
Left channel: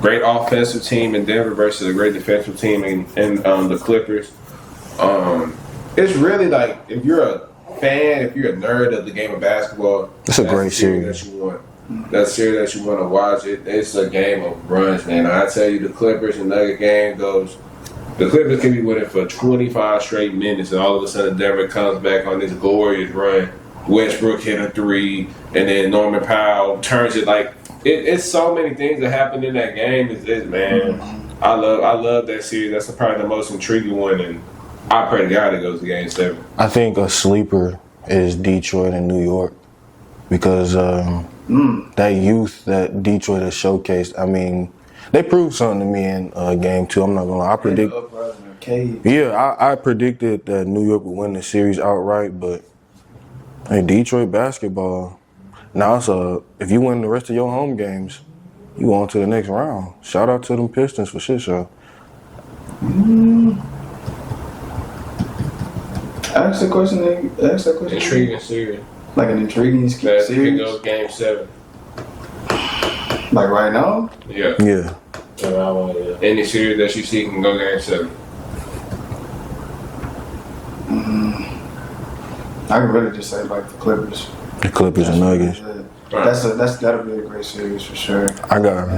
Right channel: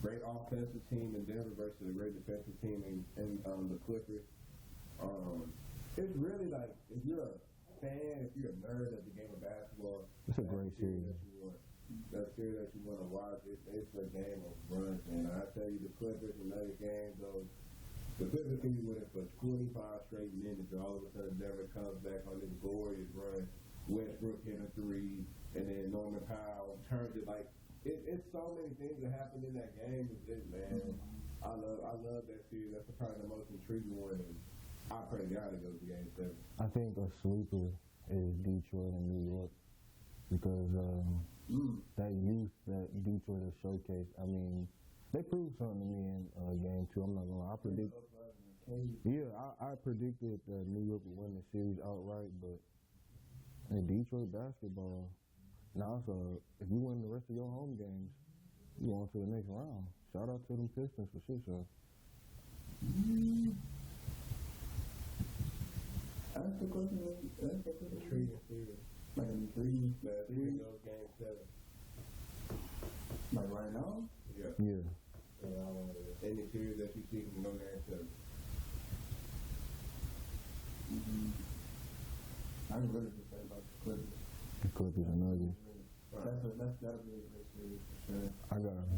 Great offensive team in Denver versus a great defensive team in the Clippers. It's really like, if you're a fan, if you're a nerd of the game of basketball, it's a great series that you want. That's a series that you want to watch. It's a game of runs, man. I tell you, the Clippers and Nugget game goes. The Clippers can be winning for 25 straight minutes, and all of a sudden Denver comes back on this glorious run. Westbrook hit a three, and then Norman Powell turns it like. It's so many things that happen in that game. Man, I love that series. That's probably the most intriguing one, and I pray to God it goes to Game 7. I think a sleeper is Detroit and New York, because that youth that Detroit has showcased. I mean, they proved something to me in game 2. I'm not gonna lie. I predicted that New York would win the series outright, but hey, Detroit basketball. Now if you win the rest of your home games, you go on to the next round. Shout out to them Pistons for shit show. Ask the question. Intriguing series. Like an intriguing That series. can go game 7. Like right now. Yeah. Yeah. Any series that you see can go game 7. I could really just say like the Clippers. The Clippers and Nuggets. That'll be a great series for sure. I got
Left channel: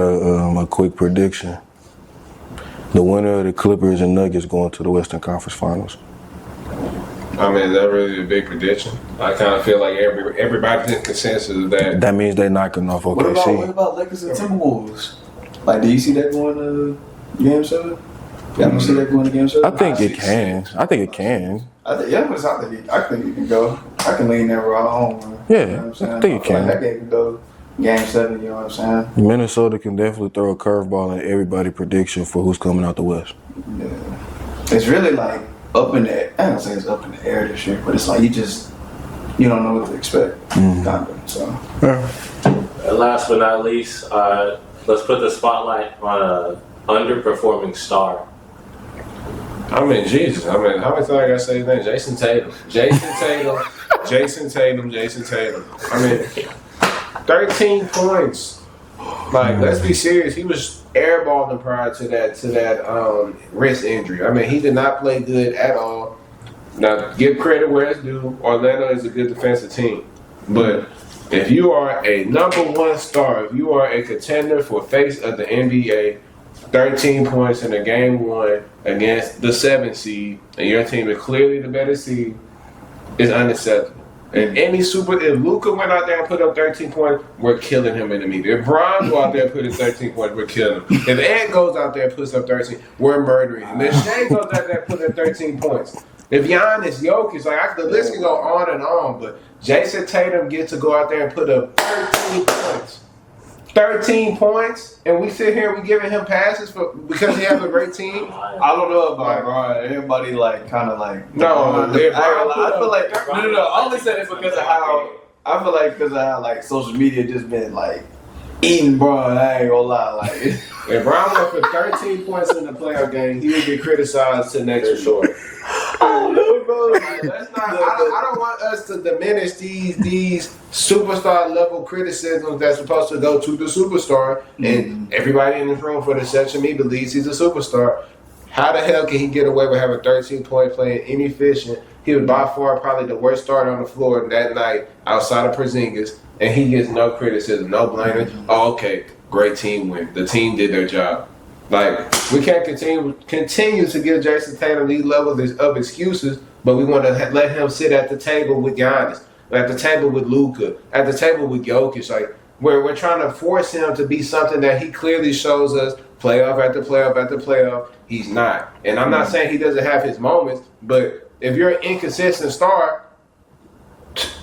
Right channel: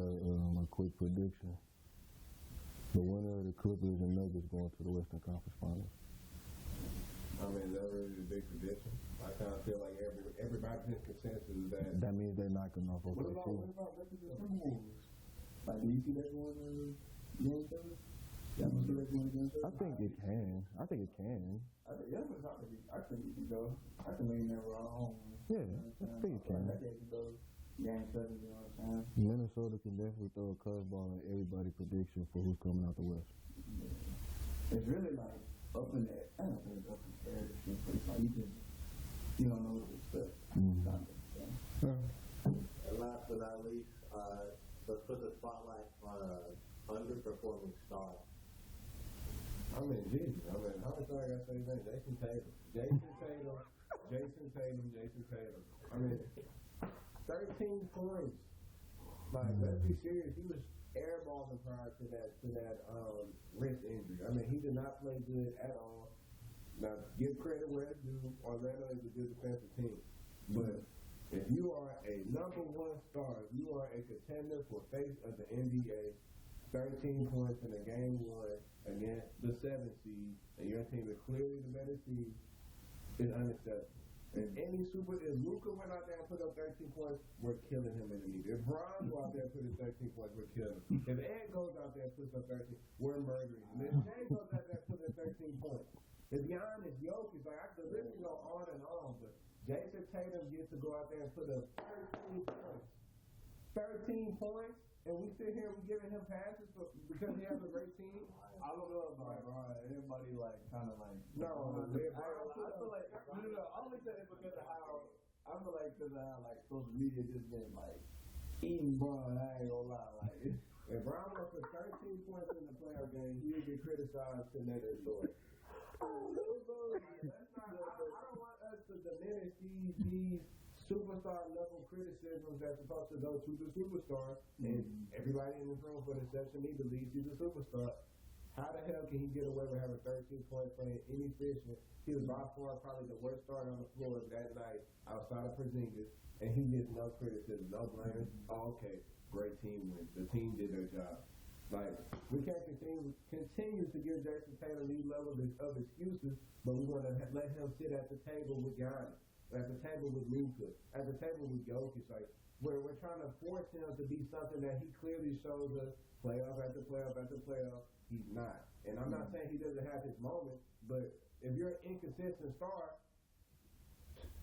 a quick prediction. The winner of the Clippers and Nuggets going to the Western Conference Finals. I mean, is that really a big prediction? I kind of feel like everybody's in consensus of that. That means they're knocking off OKC. What about Lakers and Timberwolves? Like, do you see that going to Game 7? Y'all don't see that going to Game 7? I think it can. I think it can go. I can lean that right home. Yeah, You know what I'm saying? I think it can. Like that game can go Game 7, you know what I'm saying? Minnesota can definitely throw a curveball in everybody's prediction for who's coming out the West. Yeah. It's really like up in the, I don't say it's up in the air this year, but it's like you don't know what to expect. Kind of, so. Yeah. And last but not least, let's put the spotlight on a underperforming star. I mean, Jesus. I mean, how many times I gotta say his name? Jason Tatum. I mean, 13 points. Like, let's be serious. He was airballing prior to that wrist injury. I mean, he did not play good at all. Now, give credit where it's due. Orlando is a good defensive team. But if you are a number 1 star, if you are a contender for face of the NBA, 13 points in a game 1 against the 7th seed, and your team is clearly the better seed, is unacceptable. And if Luka went out there and put up 13 points, we're killing him in the media. If Bron go out there and put up 13 points, we're killing him. If Ed goes out there and puts up 13, we're murdering him. If Shea goes out there and puts up 13 points, if Giannis, Jokic, the list can go on and on, but Jason Tatum gets to go out there and put up 13 points. 13 points, and we sit here and we giving him passes because he has a great team. I don't know about Brian. Everybody kind of No, I feel like no. I only said it because of how I feel like social media just been eating Brian. I ain't gonna lie. If Brown went for 13 points in the playoff game, he would get criticized to next resort. I don't know, bro. I don't want us to diminish these superstar level criticisms that's supposed to go to the superstar. And everybody in this room, for the exception of me, believes he's a superstar. How the hell can he get away with having 13 points, playing inefficient? He was by far probably the worst starter on the floor that night outside of Porzingis, and he gets no criticism, no blaming. Oh, okay, great team win. The team did their job. We can't continue to give Jason Tatum these levels of excuses, but we want to let him sit at the table with Giannis, at the table with Luka, at the table with Jokic. We're trying to force him to be something that he clearly shows us playoff after playoff after playoff. He's not. And I'm not saying he doesn't have his moments, but if you're an inconsistent star,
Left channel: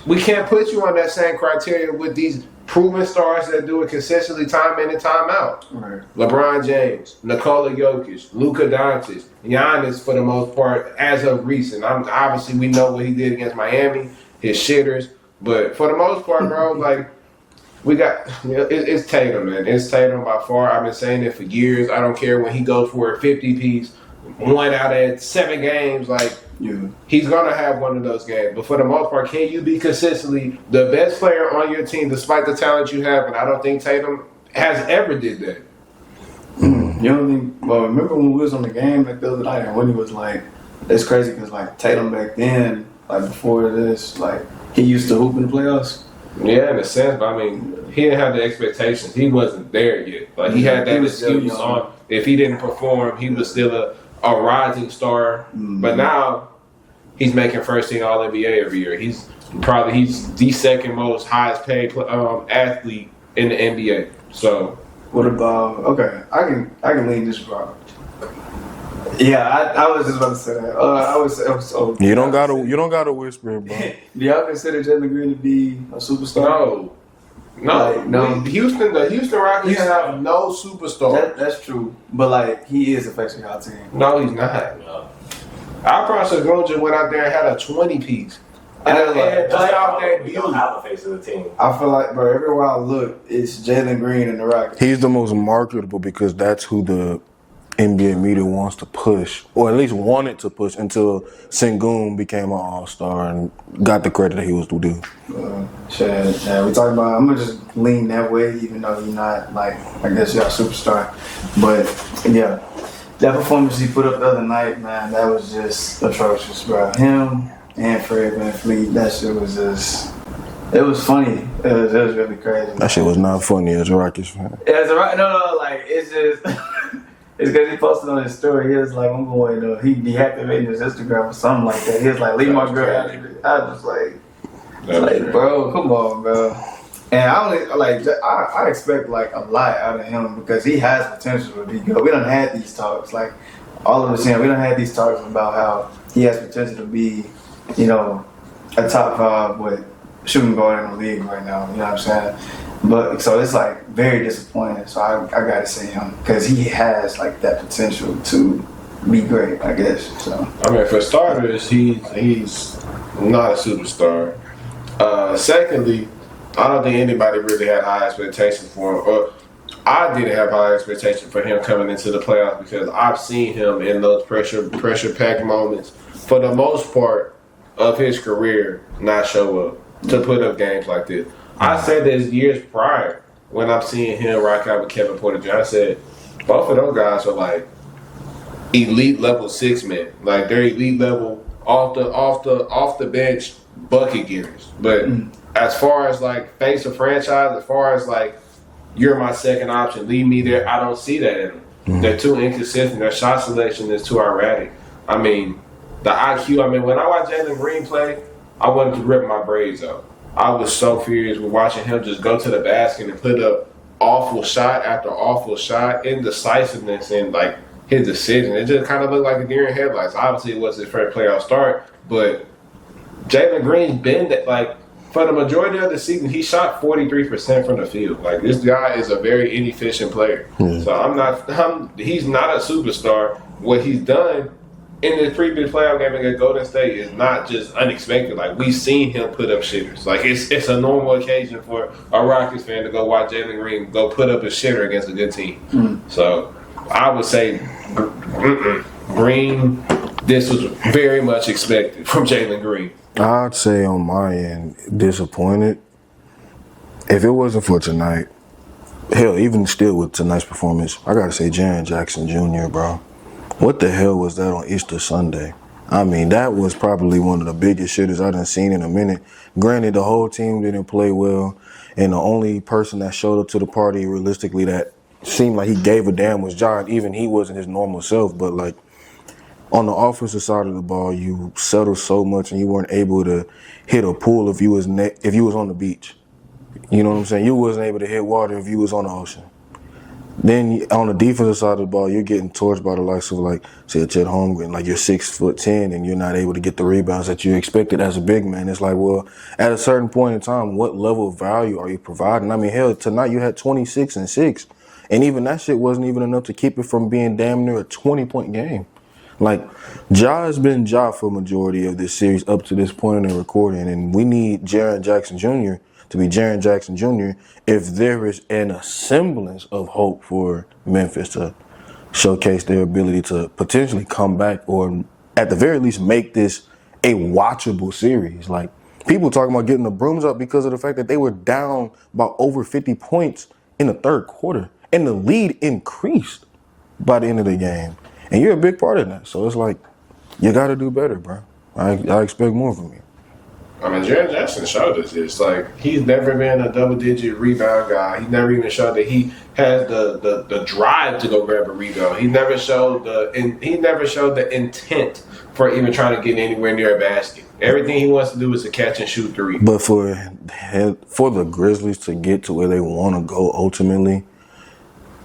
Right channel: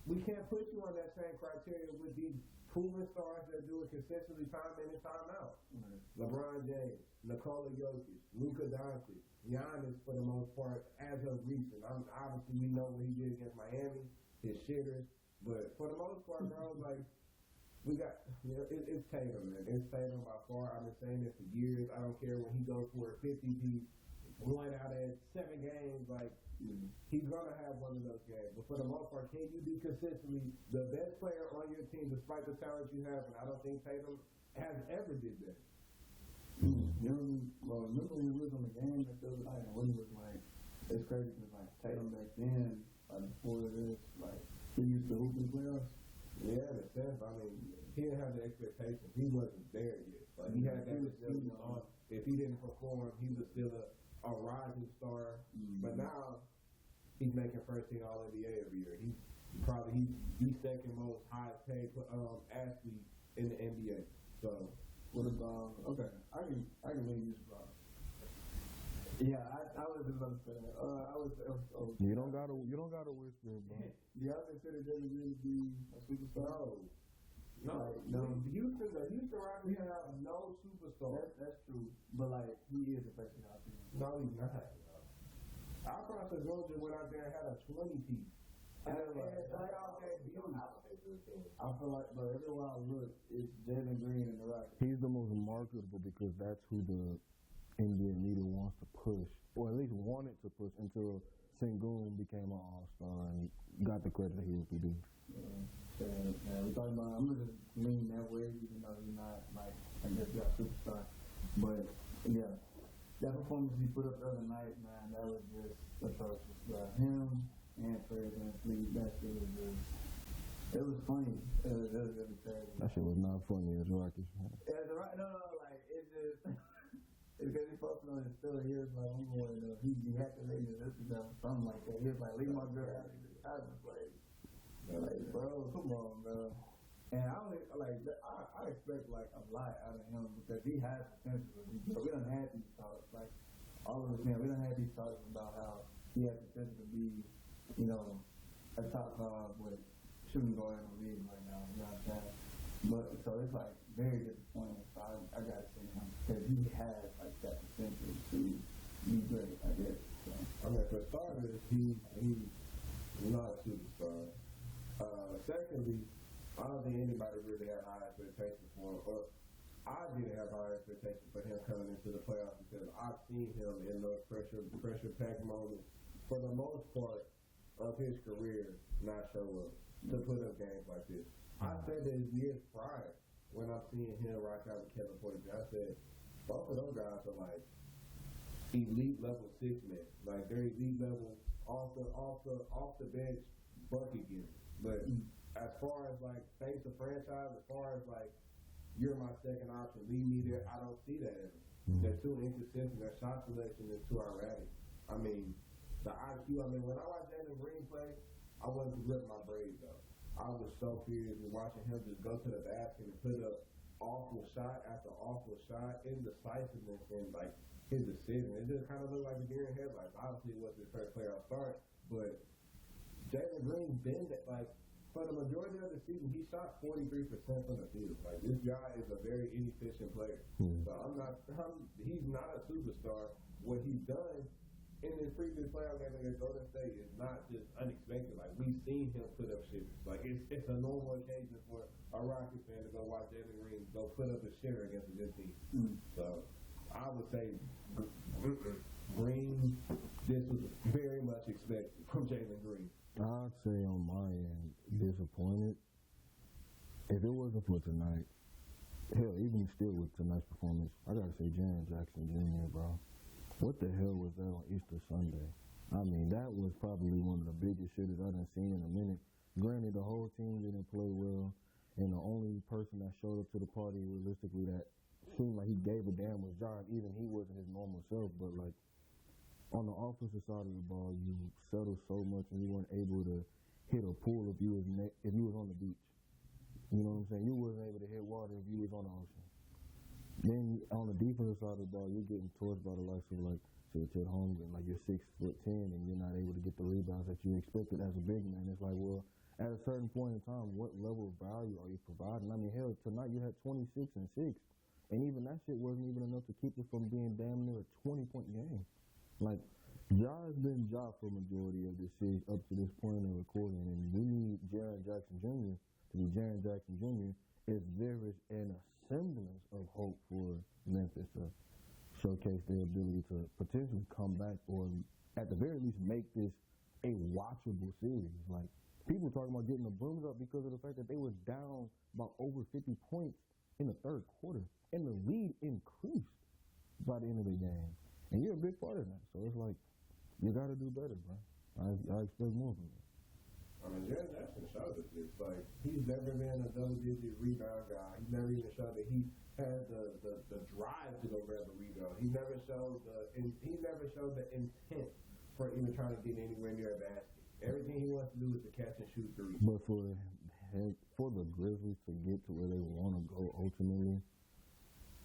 we can't put you on that same criteria with these proven stars that do it consistently time in and time out. Right. LeBron James, Nikola Jokic, Luka Doncic, Giannis for the most part as of recent. Obviously, we know what he did against Miami, his shitters, but for the most part, bro, we got, it's Tatum, man. It's Tatum by far. I've been saying it for years. I don't care when he goes for a 50-piece, 1 out of 7 games, he's going to have one of those games. But for the most part, can you be consistently the best player on your team despite the talent you have? And I don't think Tatum has ever did that. You don't think, remember when we was on the game the other night and when he was it's crazy because Tatum back then, before this, he used to hoop in the playoffs. Yeah, in a sense, but he didn't have the expectations. He wasn't there yet. He had that excuse on if he didn't perform, he was still a rising star. But now he's making first team All NBA every year. He's the second most highest paid athlete in the NBA. So what about I can lean this route. Yeah, I was just about to say that. I was so. You don't gotta whisper it, bro. Do y'all consider Jalen Green to be a superstar? No. No. The Houston Rockets have no superstar. That's true, but like he is affecting our team. No, he's not. No. Our process just went out there and had a 20 piece. And just out there, We don't have a face of the team. I feel like, bro, everywhere I look, it's Jalen Green and the Rockets. He's the most marketable because that's who the NBA media wants to push, or at least wanted to push until Sengun became an all-star and got the credit that he was due. Shit, yeah, we talking about. I'm gonna just lean that way, even though he's not like I guess y'all superstar. But yeah, that performance he put up the other night, man, that was just atrocious, bro. Him and Fred VanVleet, that shit was just. It was funny. It was really crazy. That shit was not funny as a Rockets fan. Yeah, no, like it's just. It's because he posted on his story. He was like, I'm going to, he deactivated his Instagram or something like that. He was like, leave my girl out of it. I was like, bro, come on, bro. And I expect like a lot out of him because he has potential to be good. We done had these talks, like all of us here. We done had these talks about how he has potential to be, you know, a top 5 shooting guard in the league right now. You know what I'm saying? But so it's like very disappointing. So I gotta say him because he has like that potential to be great, I guess. So I mean, for starters, he's not a superstar. Secondly, I don't think anybody really had high expectations for him. Or I didn't have high expectations for him coming into the playoffs because I've seen him in those pressure-packed moments for the most part of his career not show up to put up games like this. I said this years prior when I'm seeing him rock out with Kevin Porter Jr. I said both of those guys are like elite level 6 men, like they're elite level off the bench bucket getters. But as far as like face of franchise, as far as like you're my second option, leave me there, I don't see that in them. They're too inconsistent. Their shot selection is too erratic. I mean, the IQ. I mean, when I watch Jalen Green play, I wanted to rip my braids out. I was so furious with watching him just go to the basket and put up awful shot after awful shot, indecisiveness and like his decision. It just kind of looked like a deer in headlights. Obviously, it was his first playoff start, but Jalen Green's been that like for the majority of the season, he shot 43% from the field. Like this guy is a very inefficient player. So he's not a superstar. What he's done in the previous playoff game against Golden State is not just unexpected. Like we've seen him put up shitters. Like it's a normal occasion for a Rockets fan to go watch Jalen Green go put up a shitter against a good team. So I would say Green. This was very much expected from Jalen Green. I'd say on my end, disappointed. If it wasn't for tonight, hell, even still with tonight's performance, I gotta say Jaren Jackson Jr., bro. What the hell was that on Easter Sunday? I mean, that was probably one of the biggest shitters I done seen in a minute. Granted, the whole team didn't play well, and the only person that showed up to the party realistically that seemed like he gave a damn was John. Even he wasn't his normal self, but like on the offensive side of the ball, you settled so much and you weren't able to hit a pool if you was on the beach. You know what I'm saying? You wasn't able to hit water if you was on the ocean. Then on the defensive side of the ball, you're getting torched by the likes of like, say, Chet Holmgren. Like you're 6'10" and you're not able to get the rebounds that you expected as a big man. It's like, well, at a certain point in time, what level of value are you providing? I mean, hell, tonight you had 26 and 6, and even that shit wasn't even enough to keep it from being damn near a 20-point game. Like, Ja has been Ja for a majority of this series up to this point in the recording, and we need Jaren Jackson Jr. to be Jaren Jackson Jr. if there is a semblance of hope for Memphis to showcase their ability to potentially come back or at the very least make this a watchable series. Like, people talking about getting the brooms up because of the fact that they were down by over 50 points in the third quarter, and the lead increased by the end of the game. And you're a big part of that. So it's like, you got to do better, bro. I expect more from you. I mean, Jaren Jackson showed us this. Like, he's never been a double-digit rebound guy. He never even showed that he has the drive to go grab a rebound. He never showed the intent for even trying to get anywhere near a basket. Everything he wants to do is to catch and shoot three. But for the Grizzlies to get to where they want to go ultimately,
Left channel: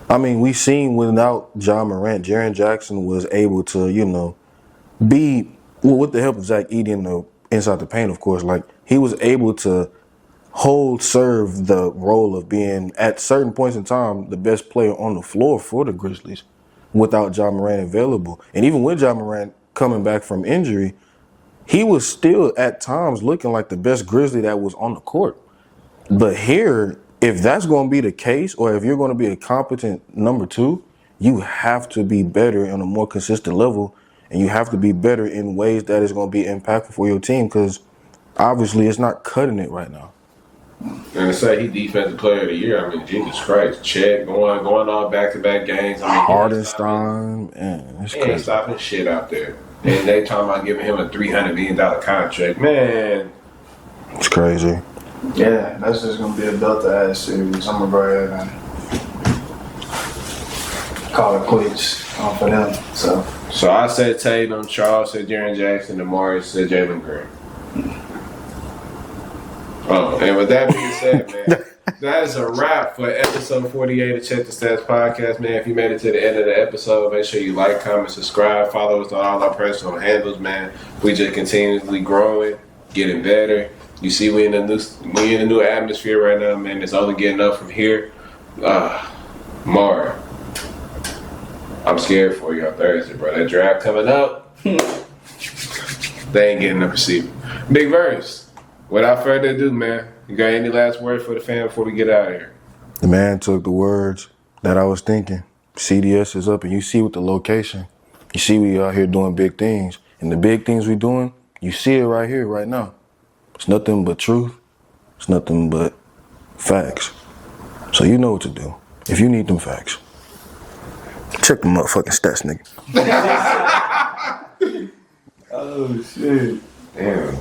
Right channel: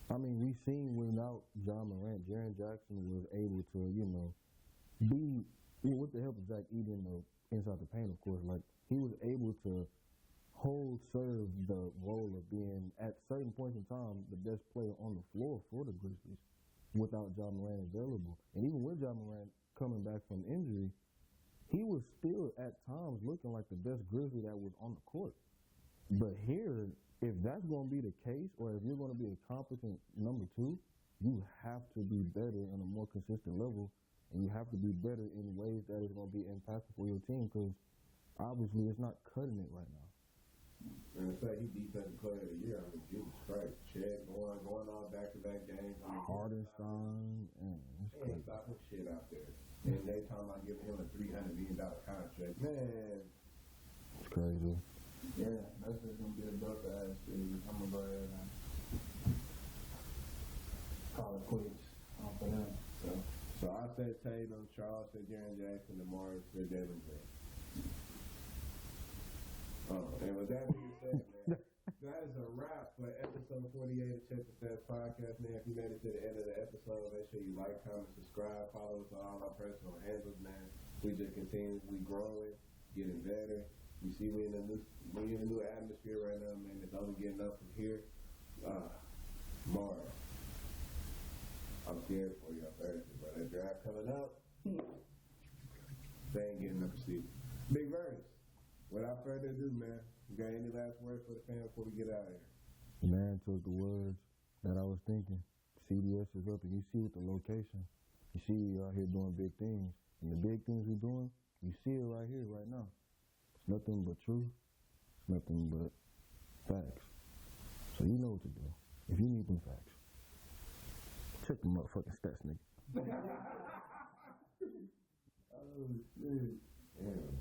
I mean, we seen without John Morant, Jaren Jackson was able to, be with the help of Zach Edey inside the paint, of course. Like he was able to serve the role of being at certain points in time the best player on the floor for the Grizzlies without John Morant available. And even with John Morant coming back from injury, he was still at times looking like the best Grizzly that was on the court. But here, if that's going to be the case, or if you're going to be a competent number two, you have to be better on a more consistent level, and you have to be better in ways that is going to be impactful for your team, because obviously it's not cutting it right now. And to say he defensive player of the year, I mean, Jesus Christ, Chet going on back-to-back games. I mean, Hardenstein, man, it's he ain't crazy. stopping shit out there. And they talking about giving him a $300 million contract. Man. It's crazy. Yeah, that's just gonna be a belt-ass series. I'm gonna go ahead and call it quits for them. So I said Tatum, Charles said Jaren Jackson, Omari said Jalen Green. And with that being said, man, that is a wrap for episode 48 of Check the Stats podcast, man. If you made it to the end of the episode, make sure you like, comment, subscribe, follow us on all our personal handles, man. We just continuously growing, getting better. You see, we in a new atmosphere right now, man. It's only getting up from here. Mara, I'm scared for you on Thursday, bro. That draft coming up, they ain't getting up receiver. Big Verse. Without further ado, man, you got any last words for the fam before we get out of here? The man took the words that I was thinking. CDS is up, and you see with the location. You see we out here doing big things. And the big things we doing, you see it right here, right now. It's nothing but truth. It's nothing but facts. So you know what to do. If you need them facts, check the motherfucking stats, nigga. oh shit. Damn.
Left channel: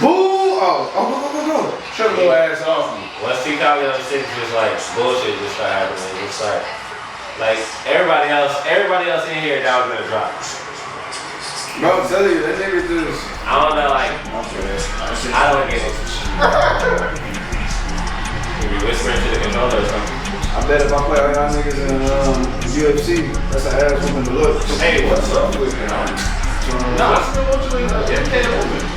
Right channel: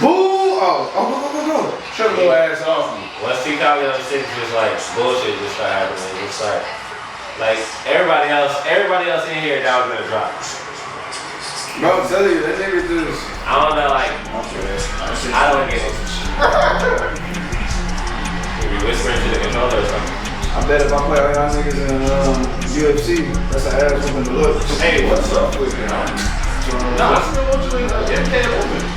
Boo! Go. Shut your little ass off me. Once he called me on shit, just like bullshit just started happening. It's like everybody else in here that was gonna drop. Bro, I'm telling you, that nigga just. I don't know, like I don't get it. You be whispering to the controller or something. I bet if I play all y'all niggas in UFC, that's an ass whooping to look. Hey, what's up with you? No, I still want you in the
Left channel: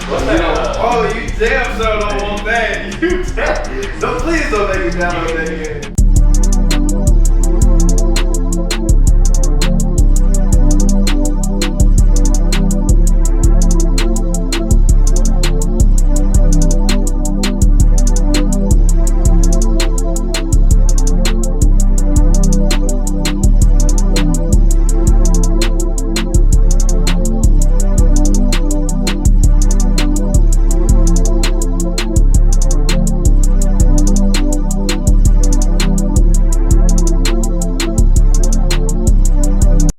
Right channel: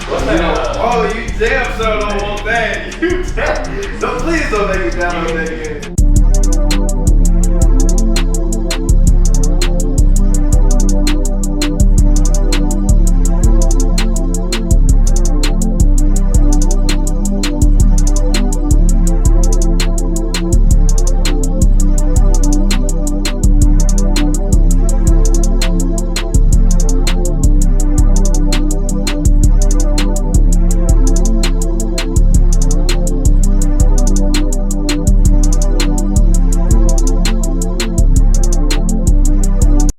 What's that? Oh, you damn so don't want that. You so please don't make me download that again.